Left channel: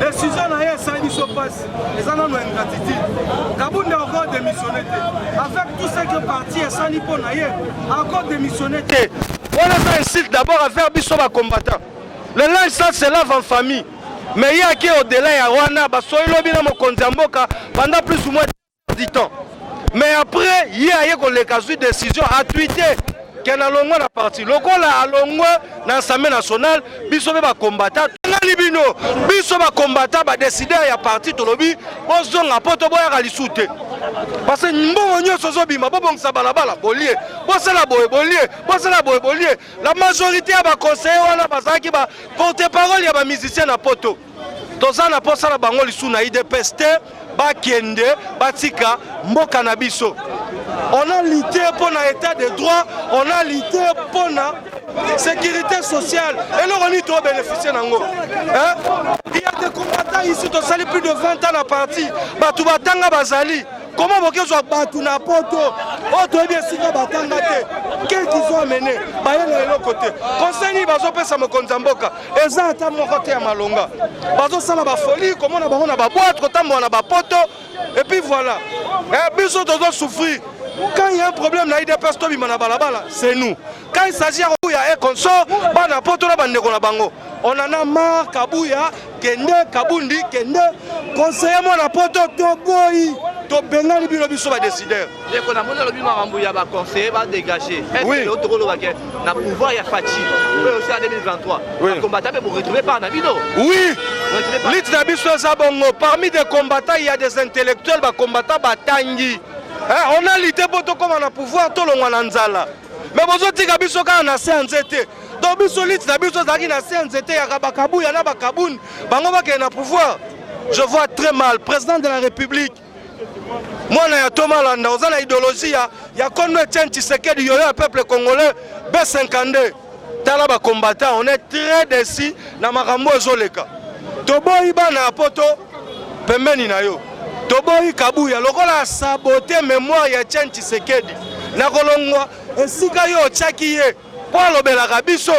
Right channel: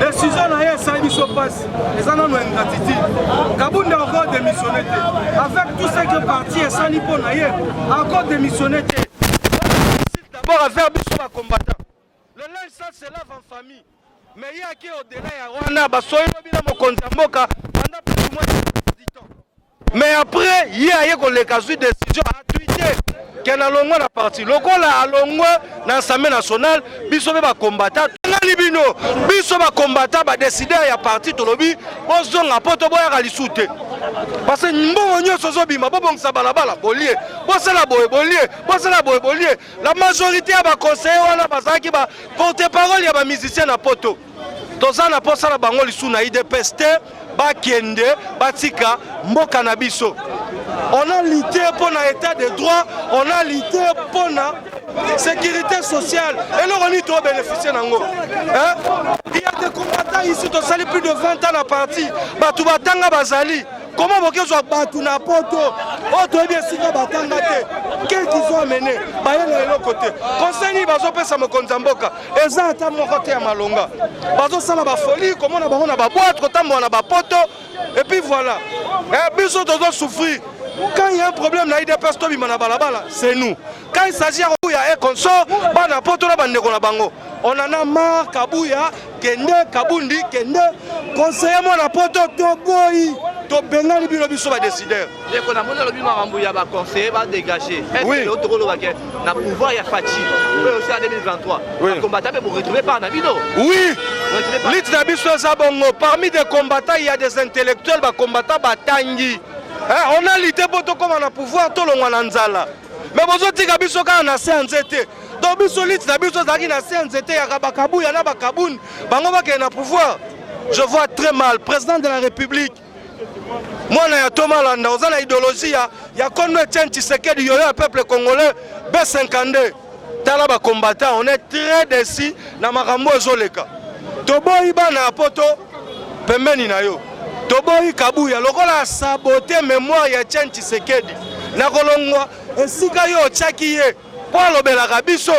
Décision na ye ça dit so passe. Les gens ont ingratitude. Kabound a encore démissionné. Avec tout ce que parti et sans nipo na ye encore démissionné. On incite d'abord à faire biso ba combattant. Le linge ça se lave en famille. Mais il y a qui au-delà ya wana ba so ilobi na mokonzi mboka pendant plus ou moins 10 ans. Mais après il y a ko le cas de décision à tweeter qu'elle a longo la partie. Le goal a longo dans l'Assemblée nationale biso ba combattant. Libino biso ba combattant ba décider ya parti to lobi bozonga poto boya kalisute. Parce que mbongo nyonso zobima bobongisa balabala bolie bosala boye bolie bosala boye bolie la majorité ya ba conseiller wana bazaki ba porte-parole ya ba musicien na poto tozana posala bango lisu na IDPS te bakende batika mboka na biso. On a lutté pour l'état de droit, on a lutté pour la sécurité sociale et nous on y doit bénéficier d'ango. Il y a des combattants ici qui ont plus de 20 ans à partie. Batubatanga bazali. Comment vous pouvez battre na poto? Oh, tu es bien si batanga te. Quel qu'ils ont amené? Baye na l'autre côté. Conseil ni bazo pesa mokonza mboka. Eza ata mon côté ya malonga. Bazo sala ba folie, comment na ba boîte, kotambo na ba poto. Et puis voilà. Et biso dozo souffrir. Quand il y a un problème, c'est nous. Quand il s'agit de consort, on en a marre, Kabouya, Kende, Kabundi, Kende, conseiller moi la poto, Togoyi, Tobengali, Bilobiso va décider. Dès qu'on a mon lobby, va conseiller, va dégager. Est-ce que l'autre rôle n'a pouvoir, il y a Fachi, aussi en 2023. Le combattant, vous ne retrouvez pas Nabino. Oui, parmi des combattants, il y a des intellectuels, des combattants, Batangi. On a lutté pour tout comme on a pouvoir, tout le monde en zala. Mais vous avez dit que vous avez un CNZT. Donc vous avez dit que vous avez un CNZT, il y a un Kabou, il y a un Kaboun. Vous avez un pouvoir. Je vois très mal. Président de la République. Moi, il y a Thomas Landa, vous avez une idéologie. Il y a Kono Etienne Tshisekedi, il y a un peuple congolais, B52. Talaba combattant, on est très déçus dans Marambo et Zoleka. Tobo Iba na poto, pembeni na yo. Toboyi Kabuya, lokola saboté mémoire ya Etienne Tshisekedi. Na kolongwa esika yo tchaki ye. Po alobelaka biso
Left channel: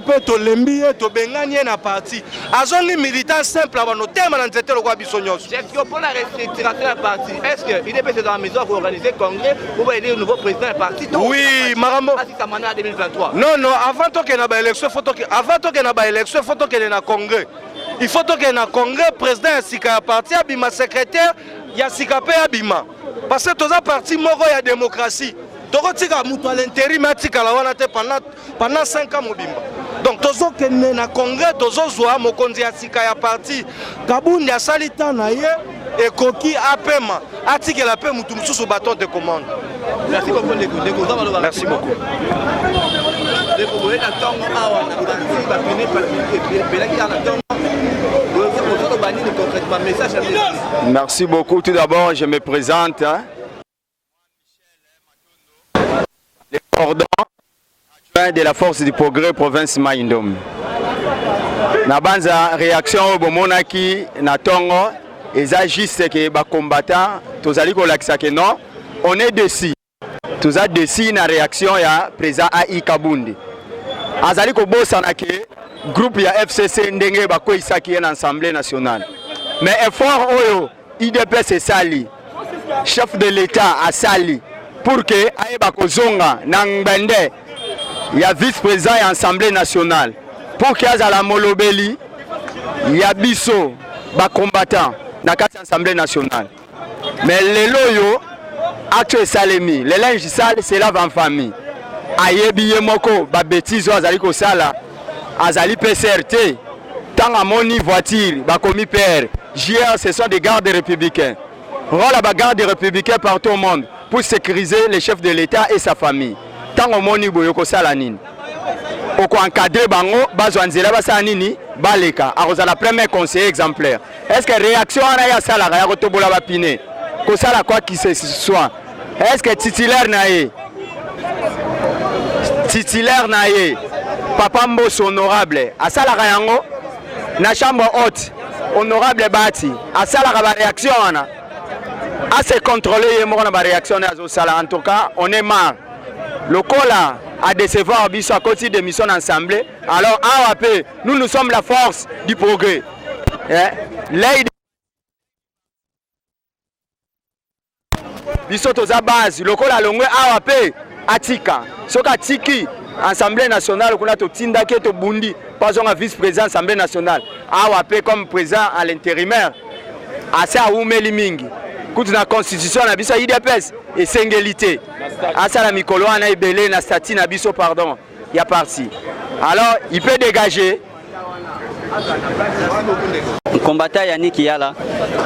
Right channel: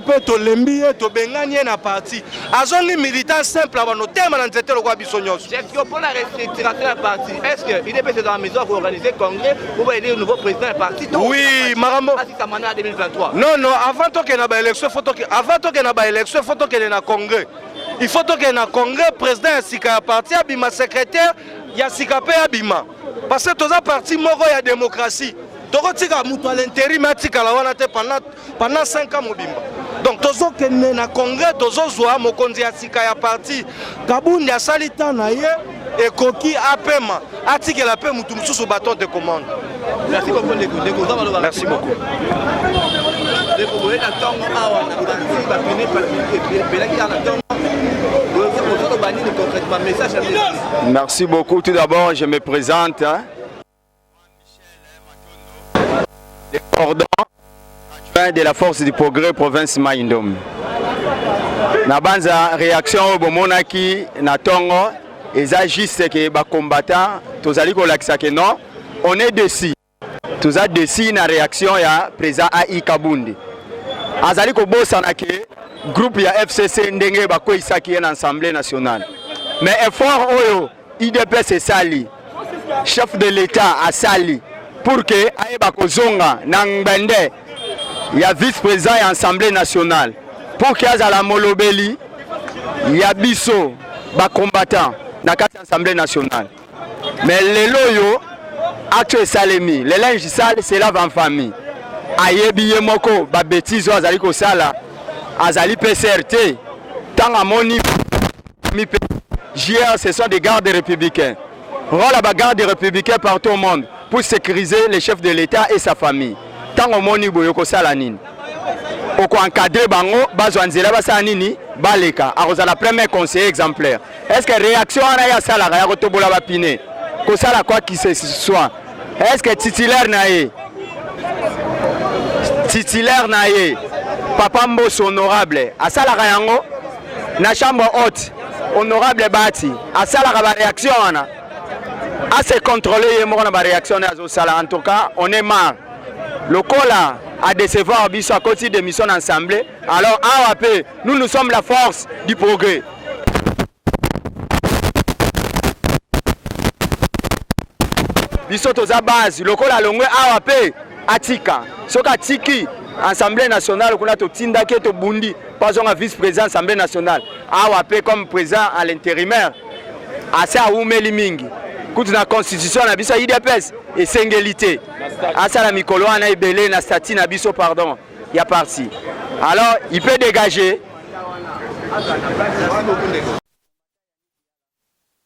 pe to lembi ye to bengani ye na parti. Azongi militant simple abano tema na nzete lokwa biso nyonso. Est-ce que pour la restructuration de la partie, est-ce que il est dans la maison pour organiser congrès pour aider le nouveau président de la partie? Oui, Marambo. En 2023. Non, avant to que na ba élection, avant to que na ba élection, faut to que na congrès. Il faut que na congrès président Sika parti abima secrétaire ya Sika pe abima parce que toza parti moko ya démocratie toko tika mutu à l'intérim atika la wana te pendant 5 ans mobimba donc tozo que na congrès tozo zwa mokonzi ya Sika ya parti Kabundi ya salita na ye et koki apema atika la pe mutu mususu bâton de commande. Merci beaucoup Merci beaucoup. Merci beaucoup. Tout d'abord, je me présente. Le cordon adjoint de la force du progrès province Maïndom. Na banza réaction au Monaki na Tongo et ça juste que les combattants, tous allez que non, on est déçus. Tous a déçus na réaction ya président AI Kabundi. Azali ko bosana ke groupe ya FCC ndenge bako isaki en assemblée nationale. Mais effort oyo IDPS sali chef de l'État a sali pour que aye bako zonga na ngbende ya vice-président ya assemblée nationale pour que azala molobeli ya biso ba combattant na kati assemblée nationale. Mais lelo yo acte salemi le linge sale c'est lave en famille. Ayebi moko ba bêtise azali ko sala azali PCRT tant à moni voiture ba komi père JR ce sont des gardes républicains rôle ba gardes républicains partout au monde pour sécuriser les chefs de l'État et sa famille tant au moni boyo ko sala nini oko encadrer bango bazwa nzela basala nini baleka akoza la premier conseiller exemplaire. Est-ce que réaction ana ya sala ya ko tobola ba pine ko sala quoi qui ce soit? Est-ce que titulaire nae Papa Mbosso honorable à Salara Yango na chambre haute honorable Bati à Salara ba réaction ana à se contrôler et mon ba réaction à Sala. En tout cas on est marre le cola à décevoir biso à côté de mission ensemble. Alors AAP nous sommes la force du progrès L'aide biso toza base lokola longwe awa pe atika soka tiki Assemblée nationale qu'on a tout tinda qui est au Bundi pas un vice-président Assemblée nationale awa pe comme président à l'intérimaire assez à oumeli mingi kuti na constitution na biso IDPS et singélité asa la mikolo ana ibele na statut na biso pardon il y a parti alors il peut dégager combattant Yannick Yala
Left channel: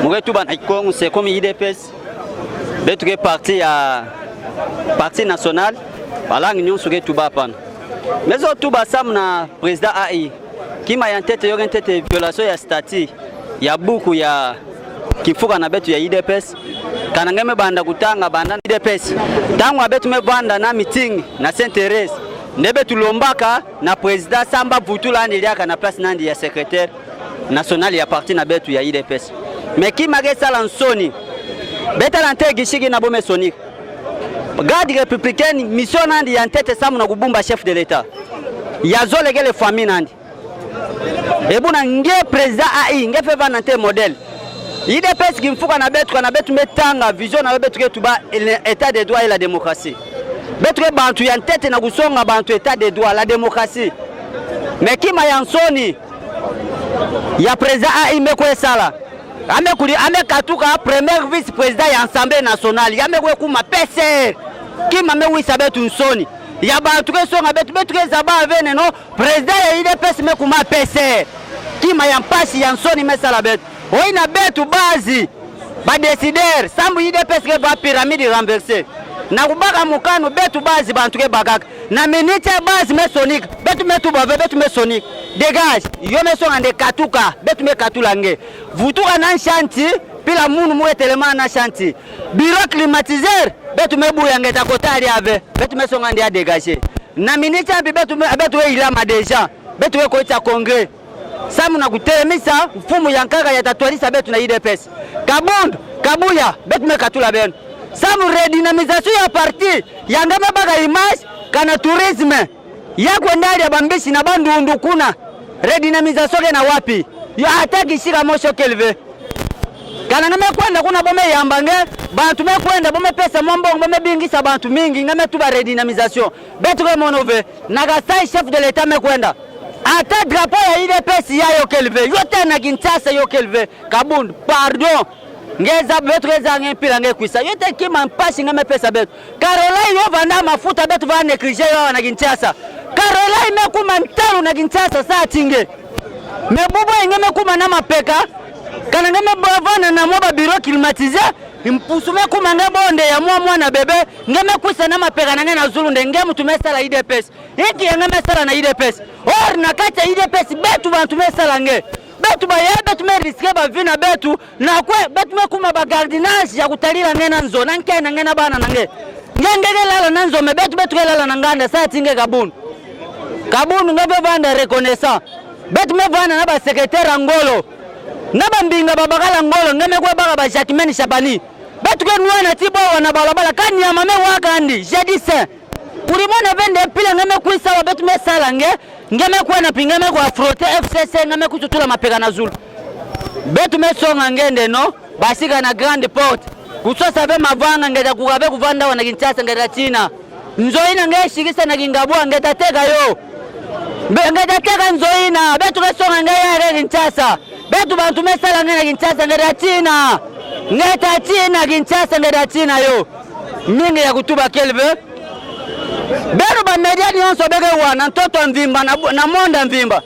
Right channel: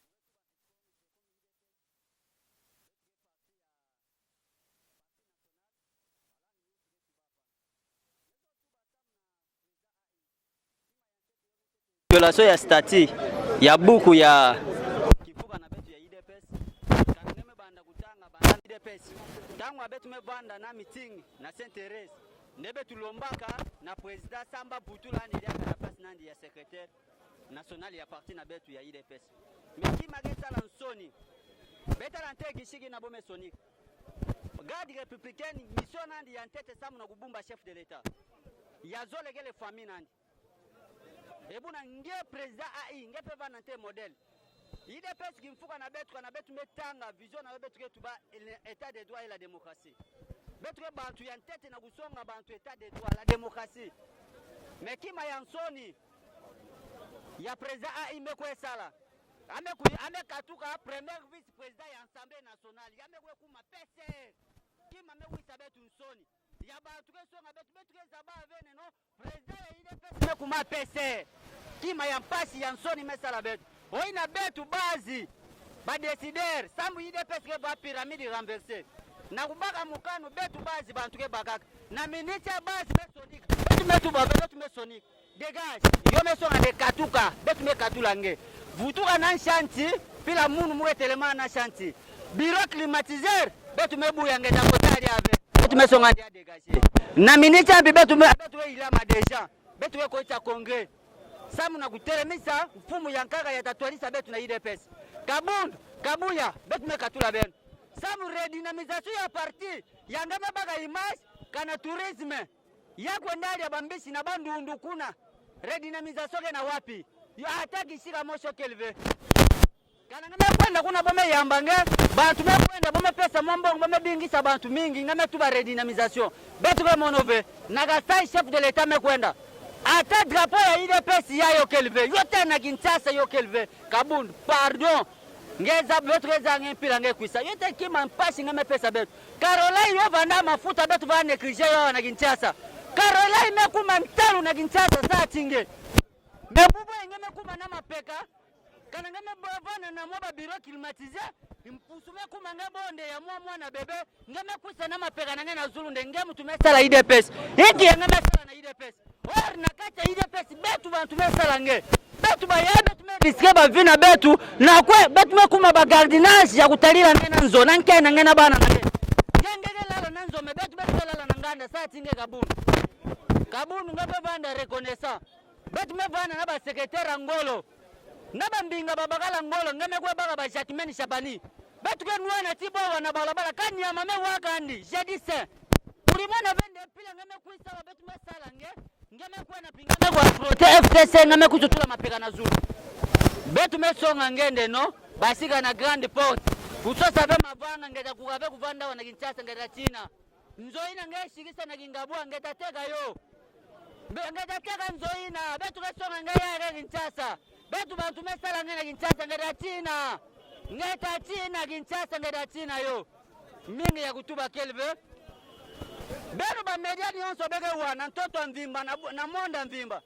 mouretu ban Kongo c'est comme IDPS betuke parti ya parti national bala nyon suke tuba pan mais au tuba sam na président AI qui m'a en tête yo en tête violation ya statut ya buku ya kifuka na betu ya IDPS kana ngeme banda kutanga banda IDPS tangu abetu me banda na meeting na Saint-Thérèse nebe tulombaka na président Samba Vutula ndiliaka na place nandi ya secrétaire national ya parti na betu ya IDPS mais qui m'a sala nsoni beta lante gishiki na bome sonique garde républicaine mission nandi ya tête samu na kubumba chef de l'état yazo legele famille nandi ebuna nge président AI nge feva nante modèle IDPS kimfuka na betu metanga vision na betu ke tuba état de droit et la démocratie betu ke bantu ya tête na kusonga bantu état de droit la démocratie mais kima ya nsoni ya président AI mekwe sala ame katuka premier vice président ya Assemblée nationale yame kwe kuma PCR kima me wisa betu nsoni ya bantu ke songa betu ke zaba avene no président ya IDPS me kuma PCR kima ya mpasi ya nsoni mesala betu oina betu bazi ba décider sambu IDPS ke ba pyramide renversée na kubaka mukano betu bazi bantu ke bagaka na minute bazi me sonique betu metu bave betu me sonique dégage yo me songa de katuka betu me katulange vutuka na shanti pila munu mu etelema na shanti bureau climatiseur betu me buyange ta kotali ave betu me songa ndia dégager na minute ambi betu ilama déjà betu ko ita congrès samu na kutelemisa mfumu ya nkaka ya tatwalisa betu na IDPS kabundu kabuya betu me katula beno samu redynamisation ya parti ya ngama baga image kana tourisme yako ndali ya bambishi na bandundu kuna redynamisation na wapi yo ataki shika mosho kelve kana ngame kwenda kuna bome yambange bantu me kwenda bome pesa mombongo bome bingisa bantu mingi ngame tuba redynamisation betu ke monove nagasai chef de l'état me kwenda ata drapeau ya IDPS yayo kelve yote na Kinshasa yo kelve kabundu pardon ngeza betu ngeza ngempila ngekwisa yote kima mpashi ngame pesa betu Caroline yo vanda mafuta betu vane krije yo na Kinshasa Caroline mekuma mtalu na Kinshasa saa tinge mebubo ngeme kuma na mapeka kana ngeme bavana na moba bureau climatisé impusume kuma ngebonde ya mwana bebe ngeme kwisa na mapeka na ngena zulu ngeme tumesala IDPS hiki ngeme sala na IDPS or na kata IDPS betu bantu mesala nge betu ba ya betu me risque ba vina betu na kwe betu me kuma ba gardiennage ya kutalila ngena nzo na nkena ngena bana nange ngengele lala nanzo me betu lala nanganda saa tinge kabunu ngebe vanda reconnaissant betu me vanda na ba secrétaire ngolo na ba mbinga babakala ngolo ngeme kwa baka ba Jacquemaine Chabani betu ke nuana tibo wana balabala kani ya mame wakandi jadi saint ulimona vende pila ngeme kuisa wa betu me sala ngeme kwa na pingame kwa frotter FCC ngeme kututula mapeka na zulu betu me songa ngende no basika na grande porte kusosa be mavanga ngeda kugabe kuvanda wana Kinshasa ngeda China nzoina ngeshikisa na kingabwa ngeda teka yo ngeda teka nzoina betu ke songa ngaya Kinshasa betu bantu me sala ngena Kinshasa ngeda China ngeta China Kinshasa ngeda China yo mingi ya kutuba kelve betu ba media nyonso bege wana ntoto mvimba na monda mvimba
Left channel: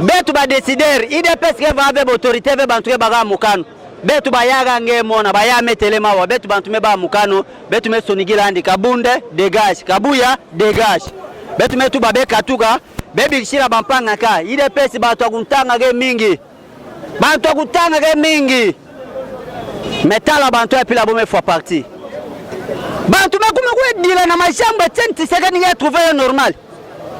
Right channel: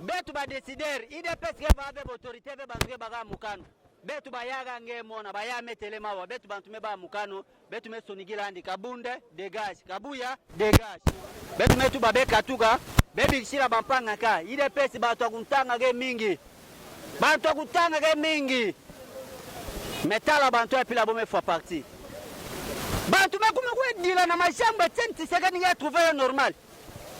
betu ba décider IDPS ke va be autorité be bantu ke baga mukano betu ba yaga ngemona ba ya metelema wa betu bantu me ba mukano betu me sonigila andi kabunde dégage kabuya dégage betu me tu ba be katuka bebi kishira bampanga ka IDPS bantu akuntanga ke mingi bantu akutanga ke mingi metala bantu ya pila bome fois parti bantu bakuma kwedila na mashamba tenti sekani ya trouver normal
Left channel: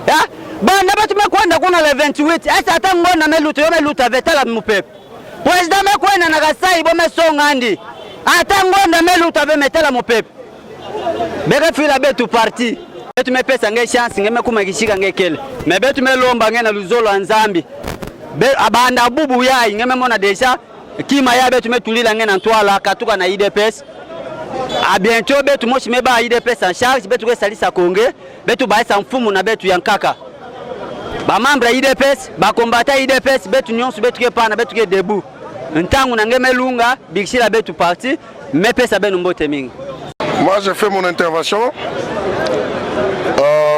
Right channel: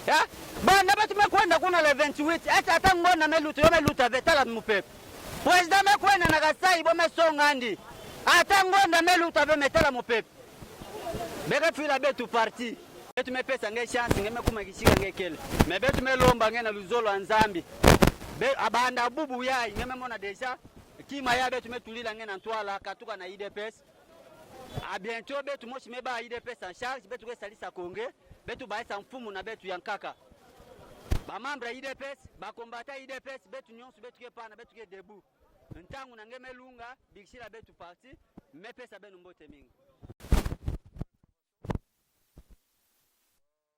ya banda batu mekwenda kuna le 28 asa ata ngona meluto yo meluta vetala mupepe president mekwenda na kasai bo mesonga andi ata ngona meluta ve metala mupepe bega fila betu parti betu mepesa nge chance nge mekuma kishika nge kele me betu melomba nge na luzolo anzambi abanda bubu ya ingeme mona déjà kima ya betu metulila ngena ntwala katuka na IDPS. A bientôt betu moshi meba IDPS en charge betu ke salisa konge betu baisa mfumu na betu yankaka. Ba membre IDPS ba combattant IDPS betu nyonso betu ke pana betu ke debout. Ntangu na ngeme lunga bikshila betu parti mais pesa benu mbote mingi. Moi je fais mon intervention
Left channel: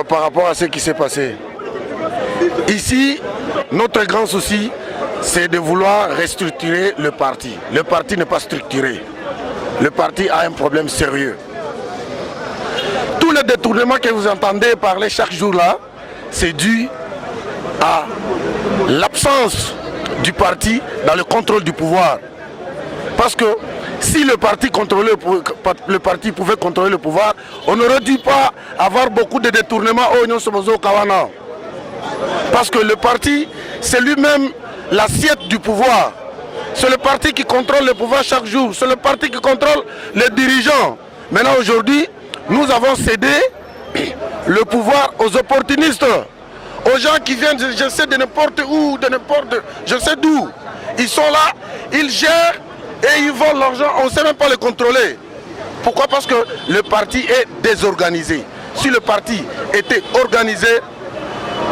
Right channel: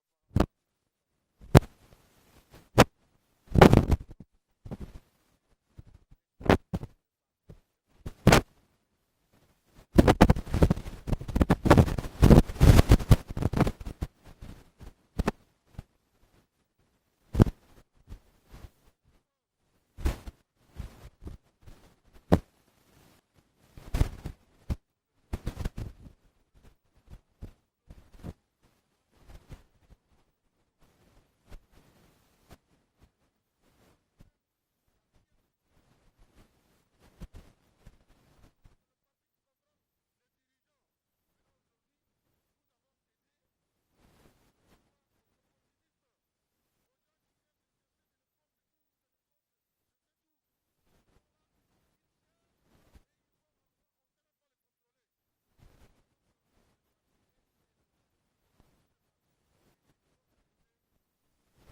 par rapport à ce qui s'est passé. Ici, notre grand souci, c'est de vouloir restructurer le parti. Le parti n'est pas structuré. Le parti a un problème sérieux. Tous les détournements que vous entendez parler chaque jour là, c'est dû à l'absence du parti dans le contrôle du pouvoir. Parce que si le parti pouvait contrôler le pouvoir, on n'aurait dû pas avoir beaucoup de détournements au Union Somozo Kawana. Parce que le parti, c'est lui-même l'assiette du pouvoir. C'est le parti qui contrôle le pouvoir chaque jour. C'est le parti qui contrôle les dirigeants. Maintenant, aujourd'hui, nous avons cédé le pouvoir aux opportunistes, aux gens qui viennent, je sais, de n'importe où, de n'importe, je sais d'où. Ils sont là, ils gèrent et ils volent l'argent. On ne sait même pas les contrôler. Pourquoi? Parce que le parti est désorganisé. Si le parti était organisé,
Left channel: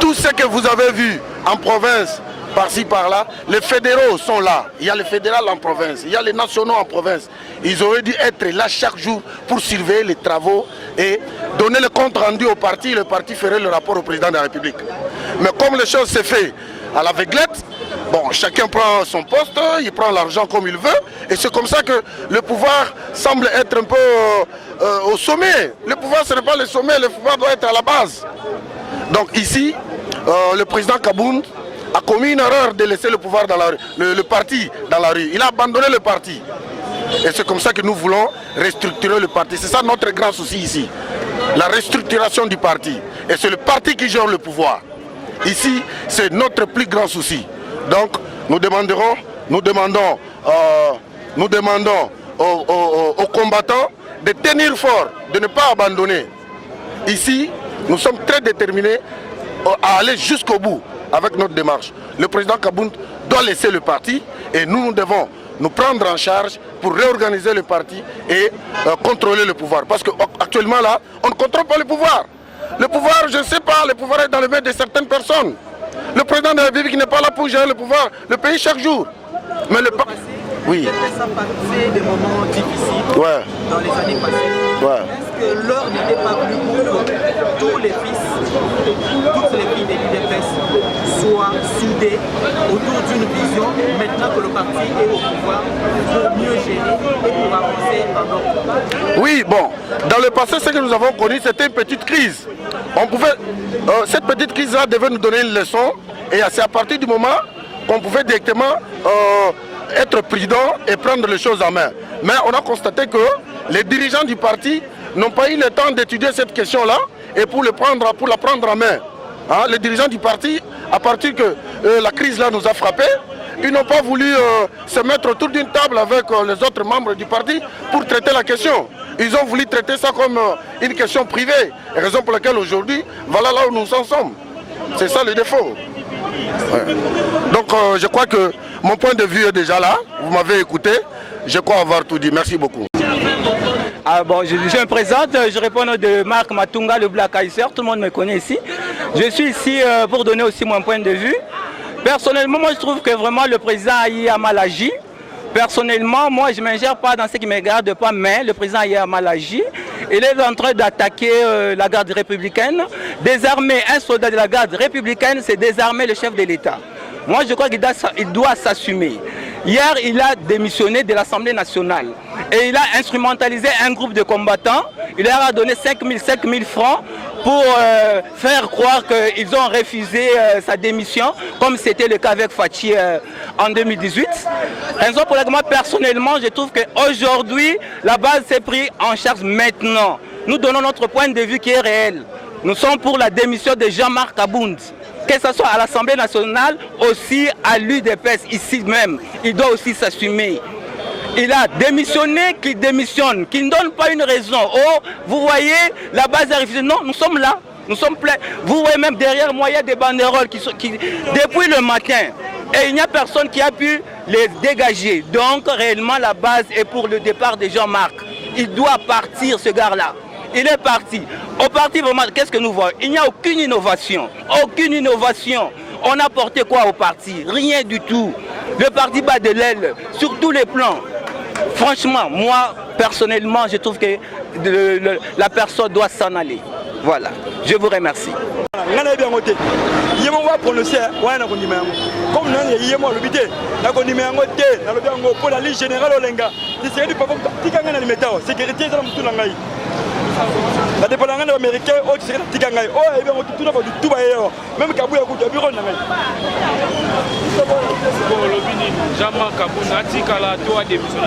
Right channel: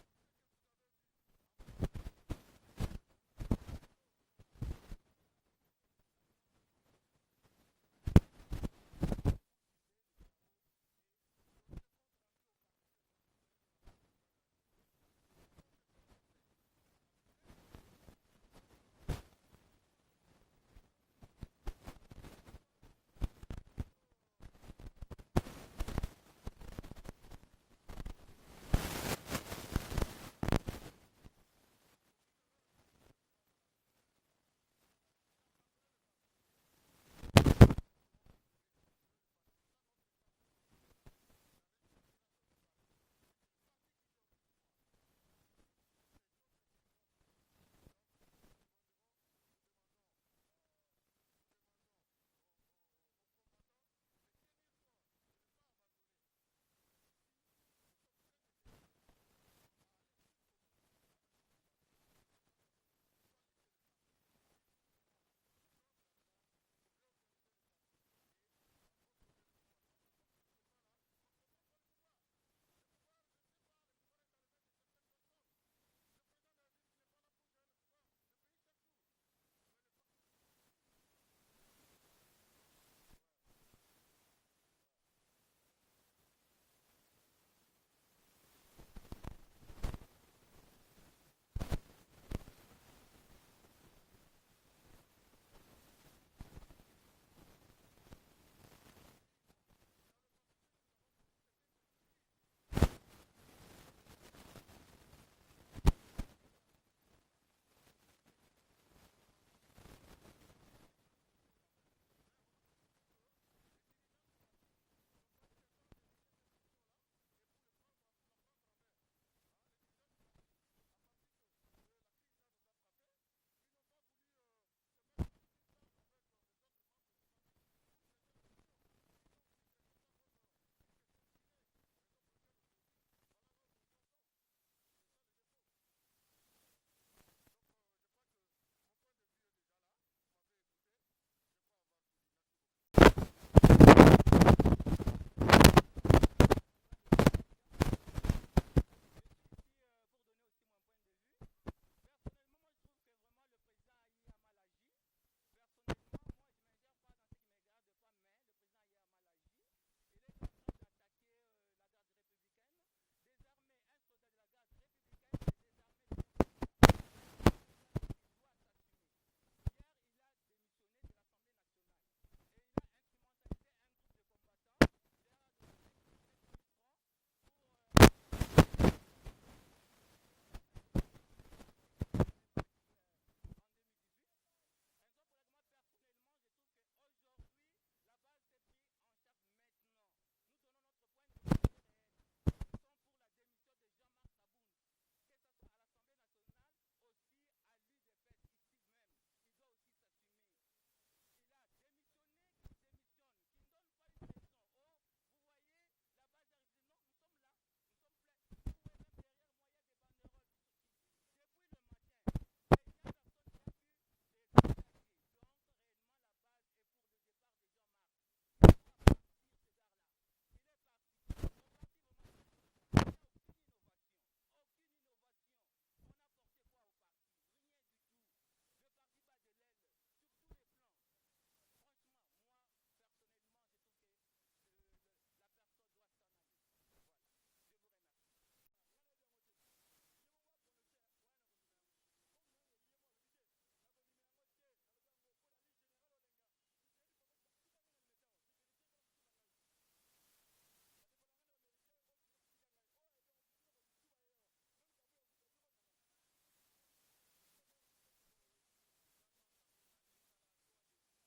tout ce que vous avez vu en province, par-ci, par-là, les fédéraux sont là. Il y a les fédéraux en province, il y a les nationaux en province. Ils auraient dû être là chaque jour pour surveiller les travaux et donner le compte rendu au parti. Le parti ferait le rapport au président de la République. Mais comme les choses se font à l'aveuglette, bon, chacun prend son poste, il prend l'argent comme il veut. Et c'est comme ça que le pouvoir semble être un peu au sommet. Le pouvoir, ce n'est pas le sommet, le pouvoir doit être à la base. Donc ici, le président Kabound a commis une erreur de laisser le pouvoir dans la rue, le parti dans la rue. Il a abandonné le parti. Et c'est comme ça que nous voulons restructurer le parti. C'est ça notre grand souci ici. La restructuration du parti. Et c'est le parti qui gère le pouvoir. Ici, c'est notre plus grand souci. Donc, nous demandons aux combattants de tenir fort, de ne pas abandonner. Ici, nous sommes très déterminés à aller jusqu'au bout avec notre démarche. Le président Kabound doit laisser le parti et nous devons nous prendre en charge pour réorganiser le parti et contrôler le pouvoir. Parce qu'actuellement là, on ne contrôle pas le pouvoir. Le pouvoir, je ne sais pas, le pouvoir est dans les mains de certaines personnes. Le président de la République n'est pas là pour gérer le pouvoir, le pays chaque jour. Mais le parti... Oui. Ça passait des moments difficiles dans les années passées. Est-ce que l'heure n'était pas venue pour que tous les fils, toutes les filles de l'IDPS soient soudés autour d'une vision maintenant que le parti est au pouvoir pour mieux gérer et pour avancer en ordre? Oui, bon, dans le passé, ce que nous avons connu, c'était une petite crise. Cette petite crise-là devait nous donner une leçon et c'est à partir du moment qu'on pouvait directement être prudent et prendre les choses en main. Mais on a constaté que les dirigeants du parti n'ont pas eu le temps d'étudier cette question-là et pour la prendre en main. Hein, les dirigeants du parti, à partir que la crise-là nous a frappés, ils n'ont pas voulu se mettre autour d'une table avec les autres membres du parti pour traiter la question. Ils ont voulu traiter ça comme une question privée. Et raison pour laquelle aujourd'hui, voilà là où nous en sommes. C'est ça le défaut. Ouais. Donc je crois que mon point de vue est déjà là. Vous m'avez écouté. Je crois avoir tout dit. Merci beaucoup. Bon, je me présente, je réponds de Marc Matunga, le Black Kaiser. Tout le monde me connaît ici. Je suis ici pour donner aussi mon point de vue. Personnellement, moi je trouve que vraiment le président a mal agi. Personnellement, moi je ne m'ingère pas dans ce qui ne me regarde pas, mais le président a mal agi. Il est en train d'attaquer la garde républicaine. Désarmer un soldat de la garde républicaine, c'est désarmer le chef de l'État. Moi je crois qu'il doit s'assumer. Hier, il a démissionné de l'Assemblée nationale et il a instrumentalisé un groupe de combattants. Il leur a donné 5 000 francs pour faire croire qu'ils ont refusé sa démission, comme c'était le cas avec Fachi en 2018. Raison pour laquelle moi, personnellement, je trouve qu'aujourd'hui, la base s'est prise en charge maintenant. Nous donnons notre point de vue qui est réel. Nous sommes pour la démission de Jean-Marc Kabound. Que ce soit à l'Assemblée nationale, aussi à l'UDPS, ici même, il doit aussi s'assumer. Il a démissionné, qu'il démissionne, qu'il ne donne pas une raison. Oh, vous voyez, la base a refusé. Non, nous sommes là, nous sommes pleins. Vous voyez même derrière moi, il y a des banderoles qui depuis le matin, Et il n'y a personne qui a pu les dégager. Donc réellement la base est pour le départ de Jean-Marc. Il doit partir ce gars-là. Il est parti. Au parti vraiment, qu'est-ce que nous voyons? Il n'y a aucune innovation. Aucune innovation. On a porté quoi au parti? Rien du tout. Le parti bat de l'aile sur tous les plans. Franchement, moi, personnellement, je trouve que la personne doit s'en aller. Voilà. Je vous remercie. La dépendance américaine, c'est la Tigangaï. Oh, et bien, tout d'abord, tout va ailleurs. Même Kabou, il y a un bureau.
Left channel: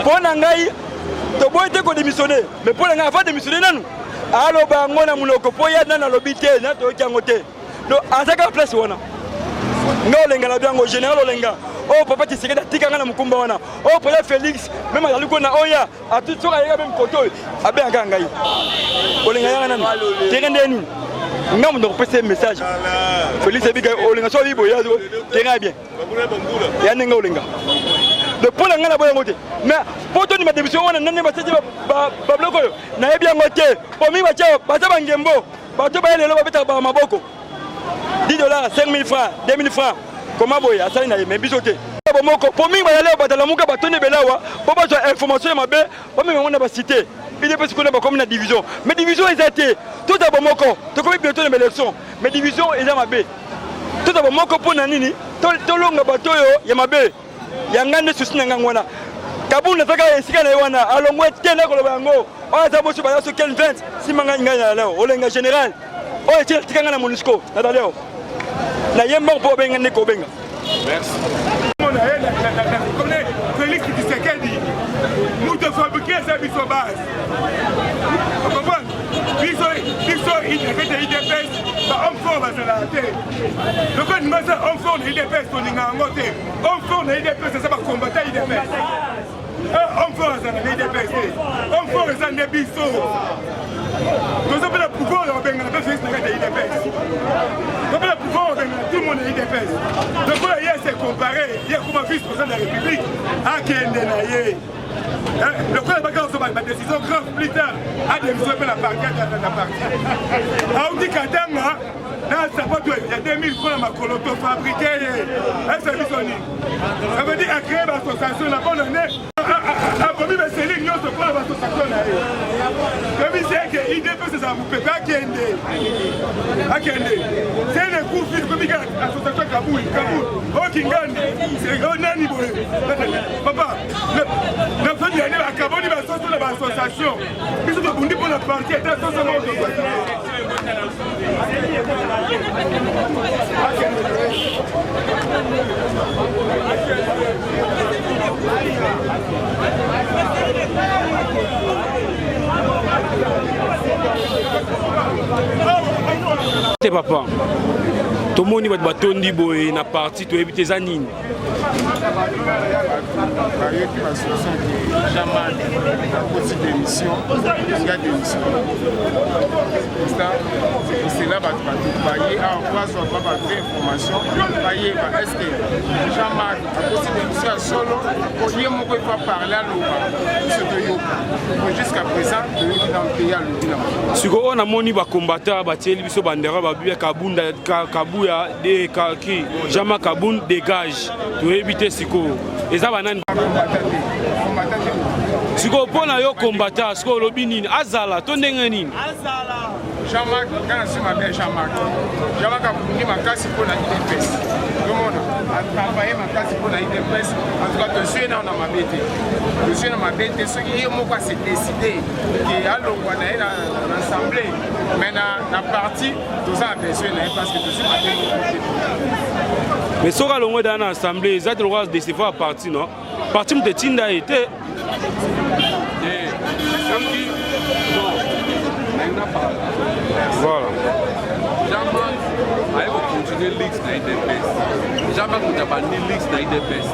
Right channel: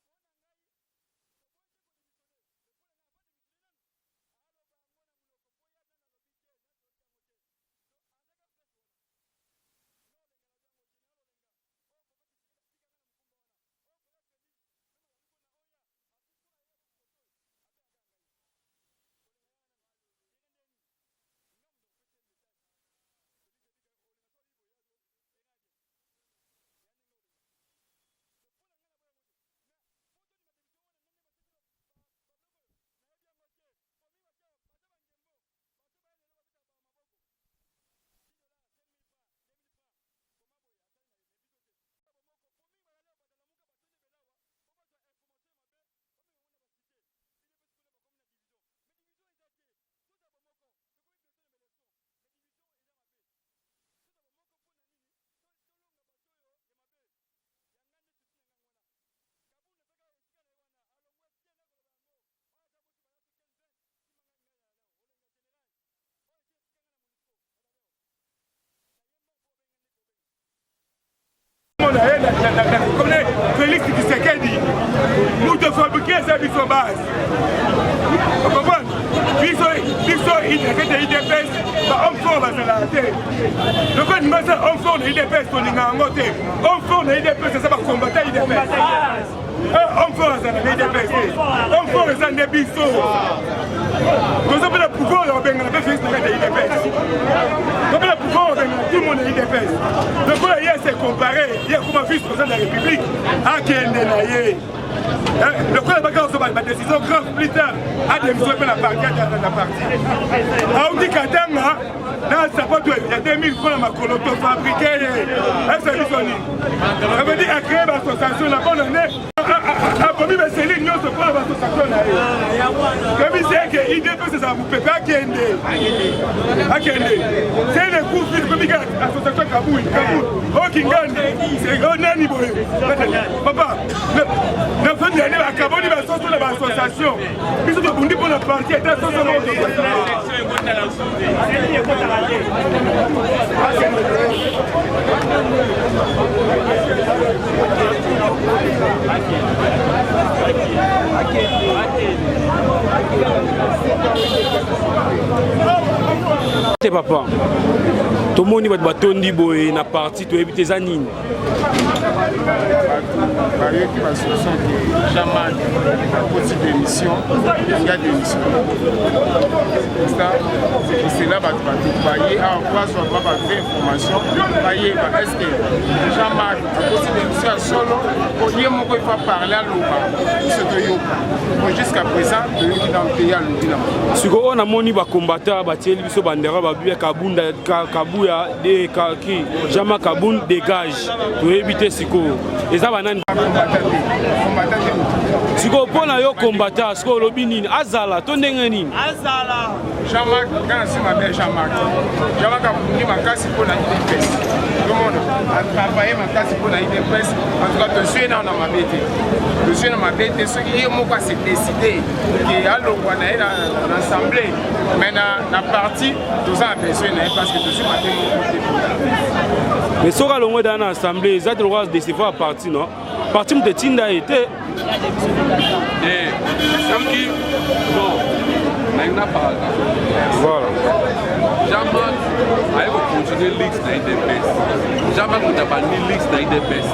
Pour Nangaï, tu peux être démissionné. Mais pour Nangaï, il faut démissionner. Alors, on a mon okopoya dans l'obité, dans le côté. Donc, à chaque place, on a. Non, les gars, au général Olenga. Oh, papa, tu sais que tu as un Mukumbawana. Oh, papa Félix, même à Lukona, Oya, à tout ça, il y a même côté. À Bengangaï. Olenga, tu es un non, on peut un message. Félix, c'est bien. Olenga, soit libre, tu es bien. Il y a un Olenga. Le point là, on a voté. Mais pour ton démission, on a un pas bloqué. On a bien voté. Pour moi, je vais Ngembo. Je vais aller à Maboko. 10 $, 5 000 francs, 2 000 francs. Comment vous avez ça? Mais bisoté. Pour moi, je vais aller à la Mouka, je vais aller pour avoir information. On a cité. Il est parce qu'on a comme une division. Mais division est athée. Tout d'abord, tu connais bientôt les élections. Mais division est à ma baie. Tout d'abord, pour Nanini, tout le long de bateau, il y a ma baie. Il y a un grand souci dans le monde. Kaboul n'a pas essayé de faire. Alors, moi, je suis là. On a d'abord sur quel 20 si je suis en général. Oh, tu es là dans MONUSCO. Merci. Félix Tshisekedi, nous devons fabriquer ça sur base. Vous comprenez? Ils sont IDPS, on forme à la tête. Le fait de mettre on forme IDPS, on est en côté. On forme IDPS, ça va combattre IDPS. On forme à IDPS. On forme à IDPS. Nous avons le pouvoir de faire l'IDPS. Nous avons le pouvoir de tout le monde est IDPS. Donc hier c'est comparé, hier comme vice-président de la République, à Kendenaye. Le président Bakar ma décision grave plus tard a démissionné la partie. Aoudi Katanga, il y a 2000 francs à ma coloto fabriqué. Ça veut dire à créer l'association la bonne année. Comme il c'est l'union se prend l'association. Comme il sait que l'IDPS c'est ça, vous ne pouvez pas Akende. C'est le coup de comme il y a l'association Kaboul. Oh Kingani, c'est Nani Boé. Papa, la fin de l'année, à Kaboul, il va sortir de l'association. Ils sont bondis pour la partie, et dans ce moment, c'est papa. Tout le monde va batondi boy na parti to éviter zanine. Jamais la petite émission, il y a des émissions. C'est là que tu vas travailler à quoi soit pas de information. Est-ce que jamais la petite émission solo, on ne peut pas parler à l'eau. Jusqu'à présent, il est dans le pays à l'eau. Si on a moni ba combattant ba tieli biso bandera ba biya kabunda kabuya de kaki Jama Kaboun dégage to éviter siko eza banani siko pona yo combattant siko lobi nini azala to ndenge nini azala Jean-Marc quand c'est ma belle Jean-Marc Kaboun ma kasi pour la IDPS a travaillé ma case pour la IDPS. En tout cas, je suis dans ma bête. Je suis dans ma bête. Ce qui est moi, c'est décidé qu'il a l'assemblée. Mais dans la partie, tout ça a besoin parce que je suis ma bête. Mais si on a dans l'assemblée, ils ont le droit de décevoir la partie, non? La partie de Tinda était. Voilà. I will continue leaks na IDPS. Jamais qu'on a banni leaks na IDPS.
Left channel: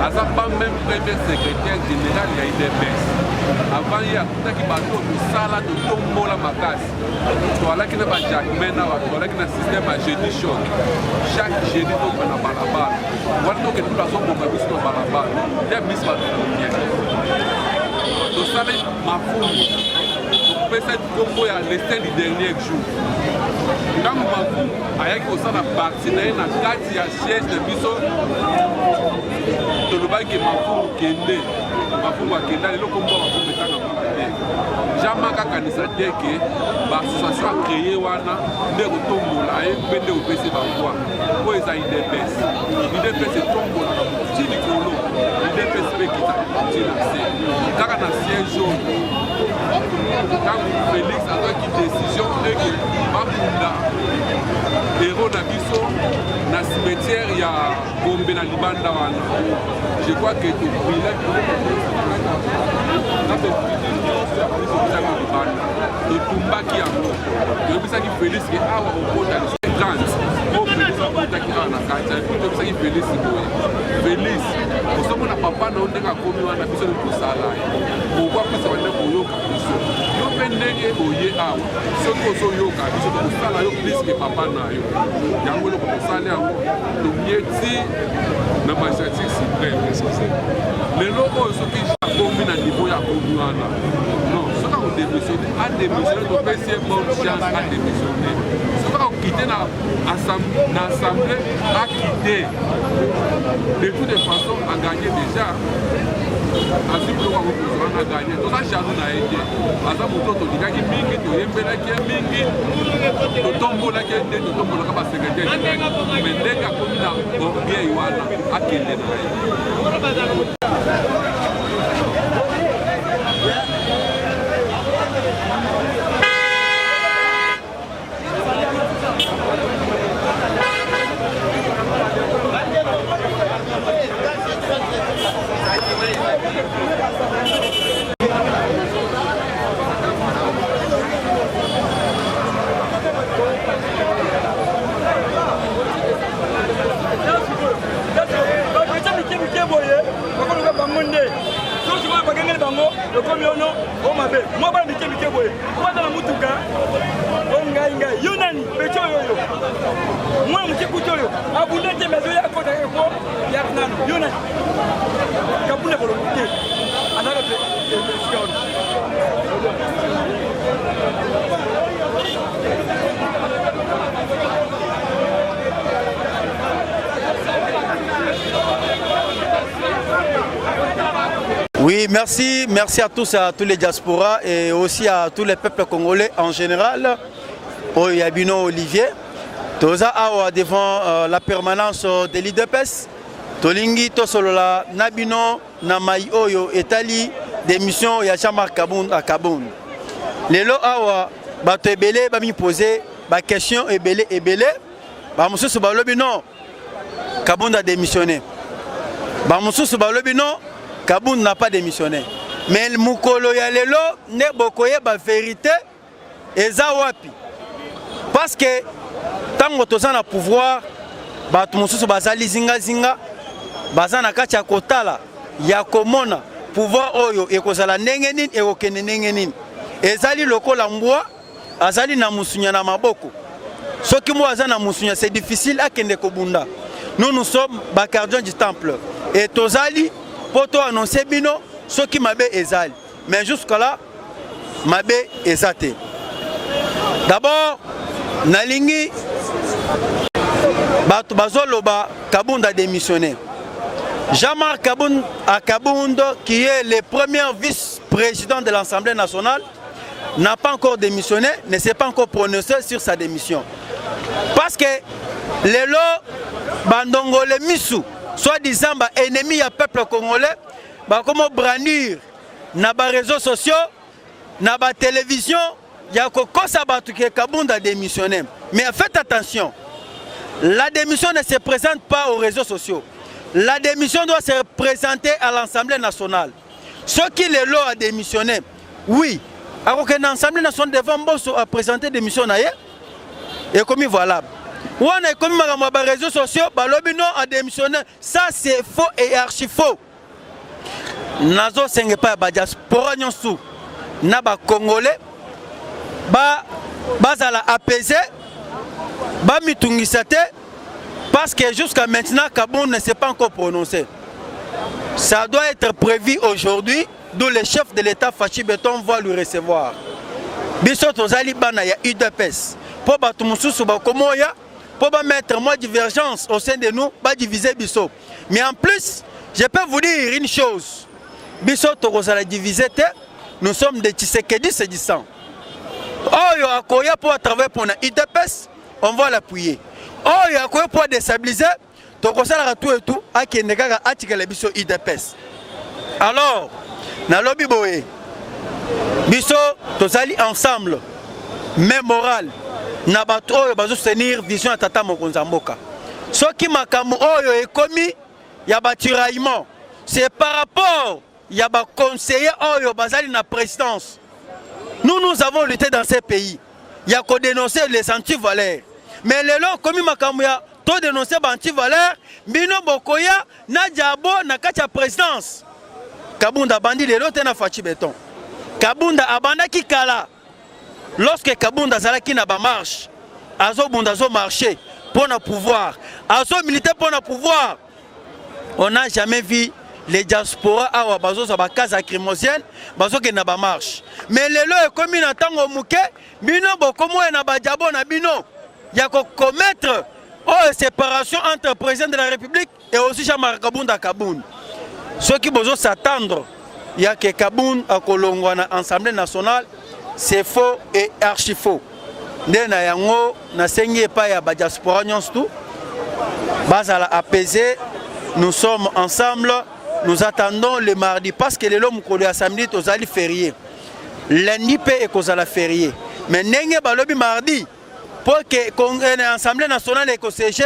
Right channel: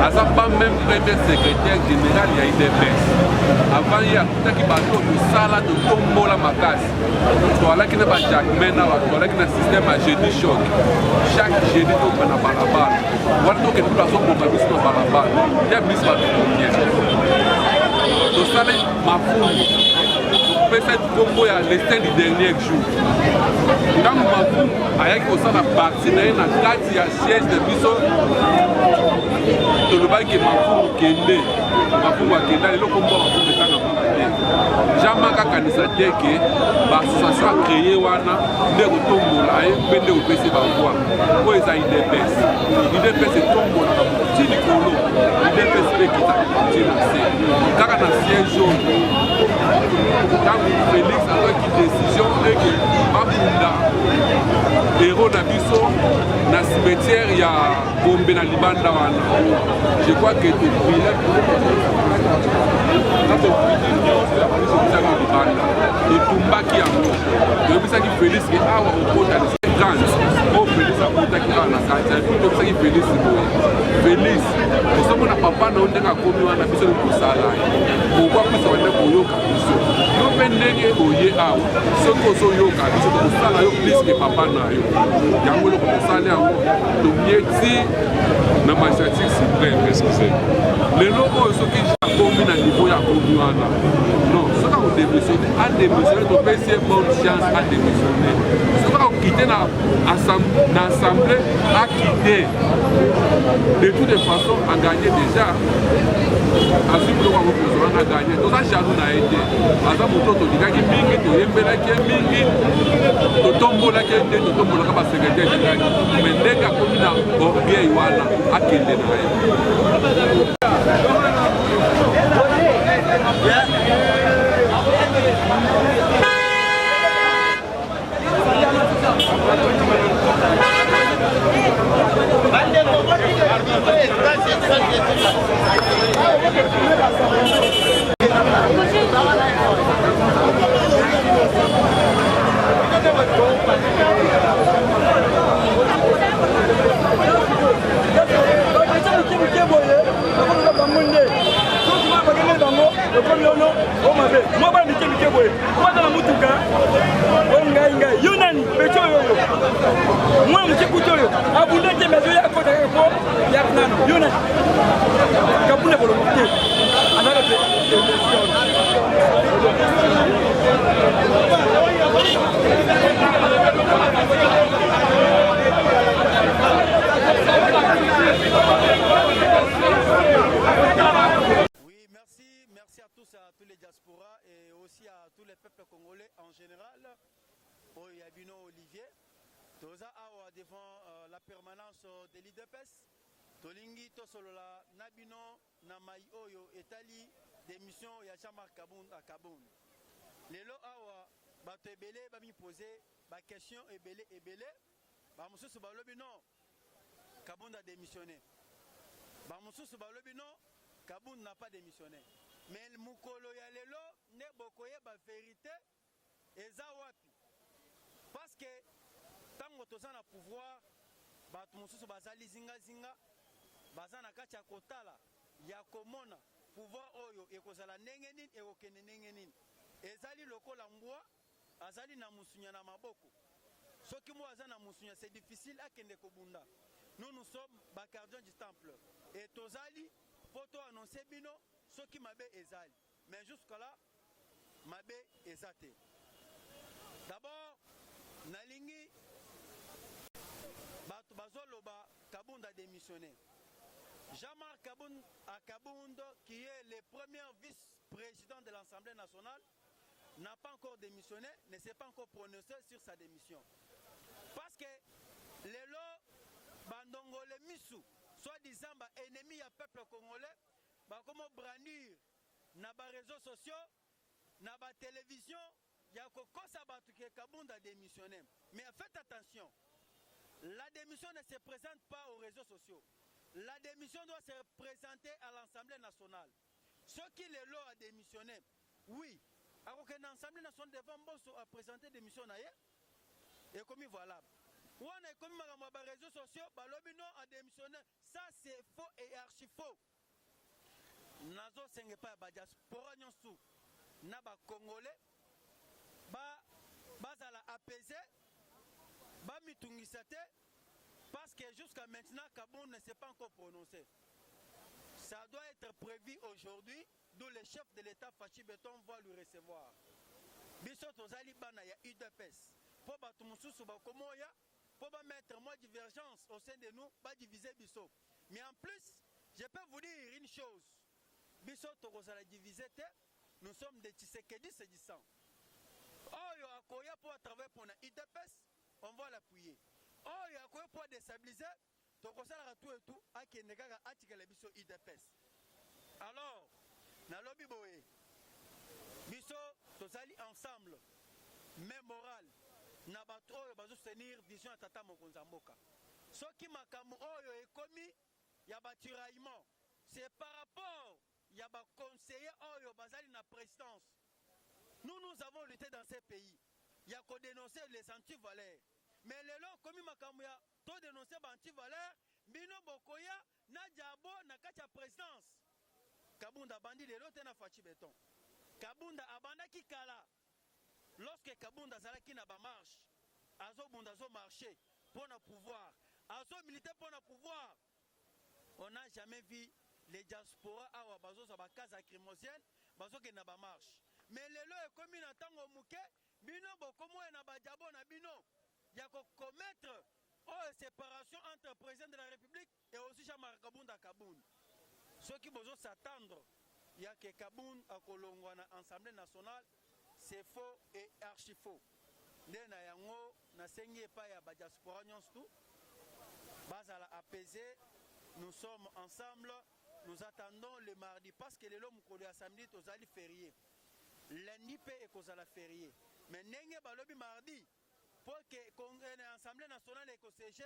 As a pas même premier secrétaire général de IDPS. Avant il y a tout qui bateau de sala de tombo la makasi. Voilà qui n'a pas Jack Mena, voilà qui n'a système à jeudi choc. Chaque jeudi on a balabala. wana toke tula azoboma biso na balabala nde biso batukunie tosali mafumu topesa kombo ya lestin du dernier jour ntango mafumu ayaki kosala parti na ye na kati ya siège na biso tolobaki mafumu kende mafumu akenda lelo kombo mafumu etanga mutu te jamaka akanisa te ke baassociation acréé wana nde kotombola ye mpe nde kopesi bavoi oyo eza idps idps etombola na motu ti likolo idps mpe kita ti na se kaka na siège oyo ntango félix azwaki décision eke bakunda héros na biso na cimetière ya gombe na libanda wana je crois que toprilaki totumbaki yango toyebisaki félix ke awa okota grande o félix akotaki awa na kati epuis toyebisaki félix boye félix osomona papa na yo ndenge akomi wana biso nde tosala ye pourkui apesa bande koyoka biso yo mpe ndenge oye awa soki ozoyoka biso tokosala yo plus ke papa na yo yango eloko tosala yango tomieti na magistrature suprême lelo oyo soki akomi na niveau ya akomi wana non soki akodémissionne adémissionne topesi ye bonne chance adémissionne soki akokite na assemblée akite de toutes les façons agagné déjà azwi biloko akokozwa wana agagné toza charge na ye te aza moto tolingaki mingi toyembelaki ye mingi totombolaki ye nde totombolaka basekretare me ndenge akomi na orgueil wana akende na ye. Oui, merci à tous les diasporas et aussi à tous les peuples congolais en général. Oyabino Olivier, toza awa devant la permanence de l'IDPS. Tolingi tosolola nabino na mai oyo etali démission ya Jean-Marc Kabound à Kabound. Lelo awa bato ebele ba mi poser ba question ebele ba mususu ba lobi non Kabound a démissionné. Ba mususu ba lobi non Kabound n'a pas démissionné. Mais le mukolo ya lelo ne bokoye ba vérité eza wapi. Parce que tango toza na pouvoir bato mususu bazali zinga baza na kati ya kotala ya komona pouvoir oyo ekozala ndenge nini ekokende ndenge nini. Ezali lokola mbwa azali na musunya na maboko. Soki mo aza na musunya c'est difficile akende kobunda. Nous sommes bacardiens du temple et tozali poto annoncer bino soki mabe ezali. Mais jusqu'à là mabe ezate. D'abord nalingi bato bazoloba Kabound a démissionné. Jean-Marc Kabound à Kabound, qui est le premier vice-président de l'Assemblée nationale, n'a pas encore démissionné, ne s'est pas encore prononcé sur sa démission. Parce que les lots bandongole misu, soi-disant ennemis du peuple congolais, comment brandir na ba réseaux sociaux, na ba télévision, il y a que Kabound a démissionné. Mais faites attention, la démission ne se présente pas aux réseaux sociaux. La démission doit se présenter à l'Assemblée nationale. Ceux qui les lots a démissionné, oui. Alors que l'Assemblée nationale devant présenter des démissions et comme voilà. On a comme les réseaux sociaux, l'obino a démissionné. Ça c'est faux et archi faux. Nazo senge pa ba diaspora nyonsu na ba congolais bazala apaiser ba mitungisa te Parce que jusqu'à maintenant, Kaboun ne s'est pas encore prononcé. Ça doit être prévu aujourd'hui, d'où le chef de l'État Fachi Beton va le recevoir. Biso tozali bana ya UDPS. Pour batu mususu bakomoya, pour mettre moins divergence au sein de nous, pas diviser biso. Mais en plus, je peux vous dire une chose. Biso tozala diviser, nous sommes des Tshisekedi sédissants. Oh yo akoya pour travailler pour la UDPS, on va l'appuyer. Oh yo akoya pour déstabiliser, tozala tout et tout à qui nega atikele biso UDPS. Alors, na lobby boye. Biso tozali ensemble, même moral. Na bato oyo bazo soutenir vision ya tata mokonza mboka. Soki makambo oyo ekomi ya batiraillement, c'est par rapport ya ba conseiller oyo bazali na présidence. Nous avons lutté dans ces pays. Il y a qu'à dénoncer les anti-valeurs. Mais les lois comme makambo ya to dénoncer ba anti-valeurs, bino bokoya na diabo na kati ya présidence. Kabunda bandi les lots na Fachi Beton. Kabunda abanda ki kala. Lorsque Kabunda zalaki na ba marche, azo bunda zo marcher pour le pouvoir, azo militer pour le pouvoir. On n'a jamais vu les diasporas awa bazo za ba case lacrymogène, bazo ke na ba marche. Mais lelo e komi na tango muke, bino bokomo na ba diabo na bino. Ya ko commettre séparation entre le président de la République et aussi Jean-Marc Kabunda Kaboun. Ceux qui besoin s'attendre, il y a que Kaboun à Kolongwa na Assemblée nationale, c'est faux et archi faux. Ndena yango na sengi pa ya ba diaspora nyonso bazala apaisé. Nous sommes ensemble, nous attendons le mardi parce que le lom ko le samedi tozali férié. Lundi pe e kozala férié. Mais ndenge balobi mardi pour que l'Assemblée nationale est siégée,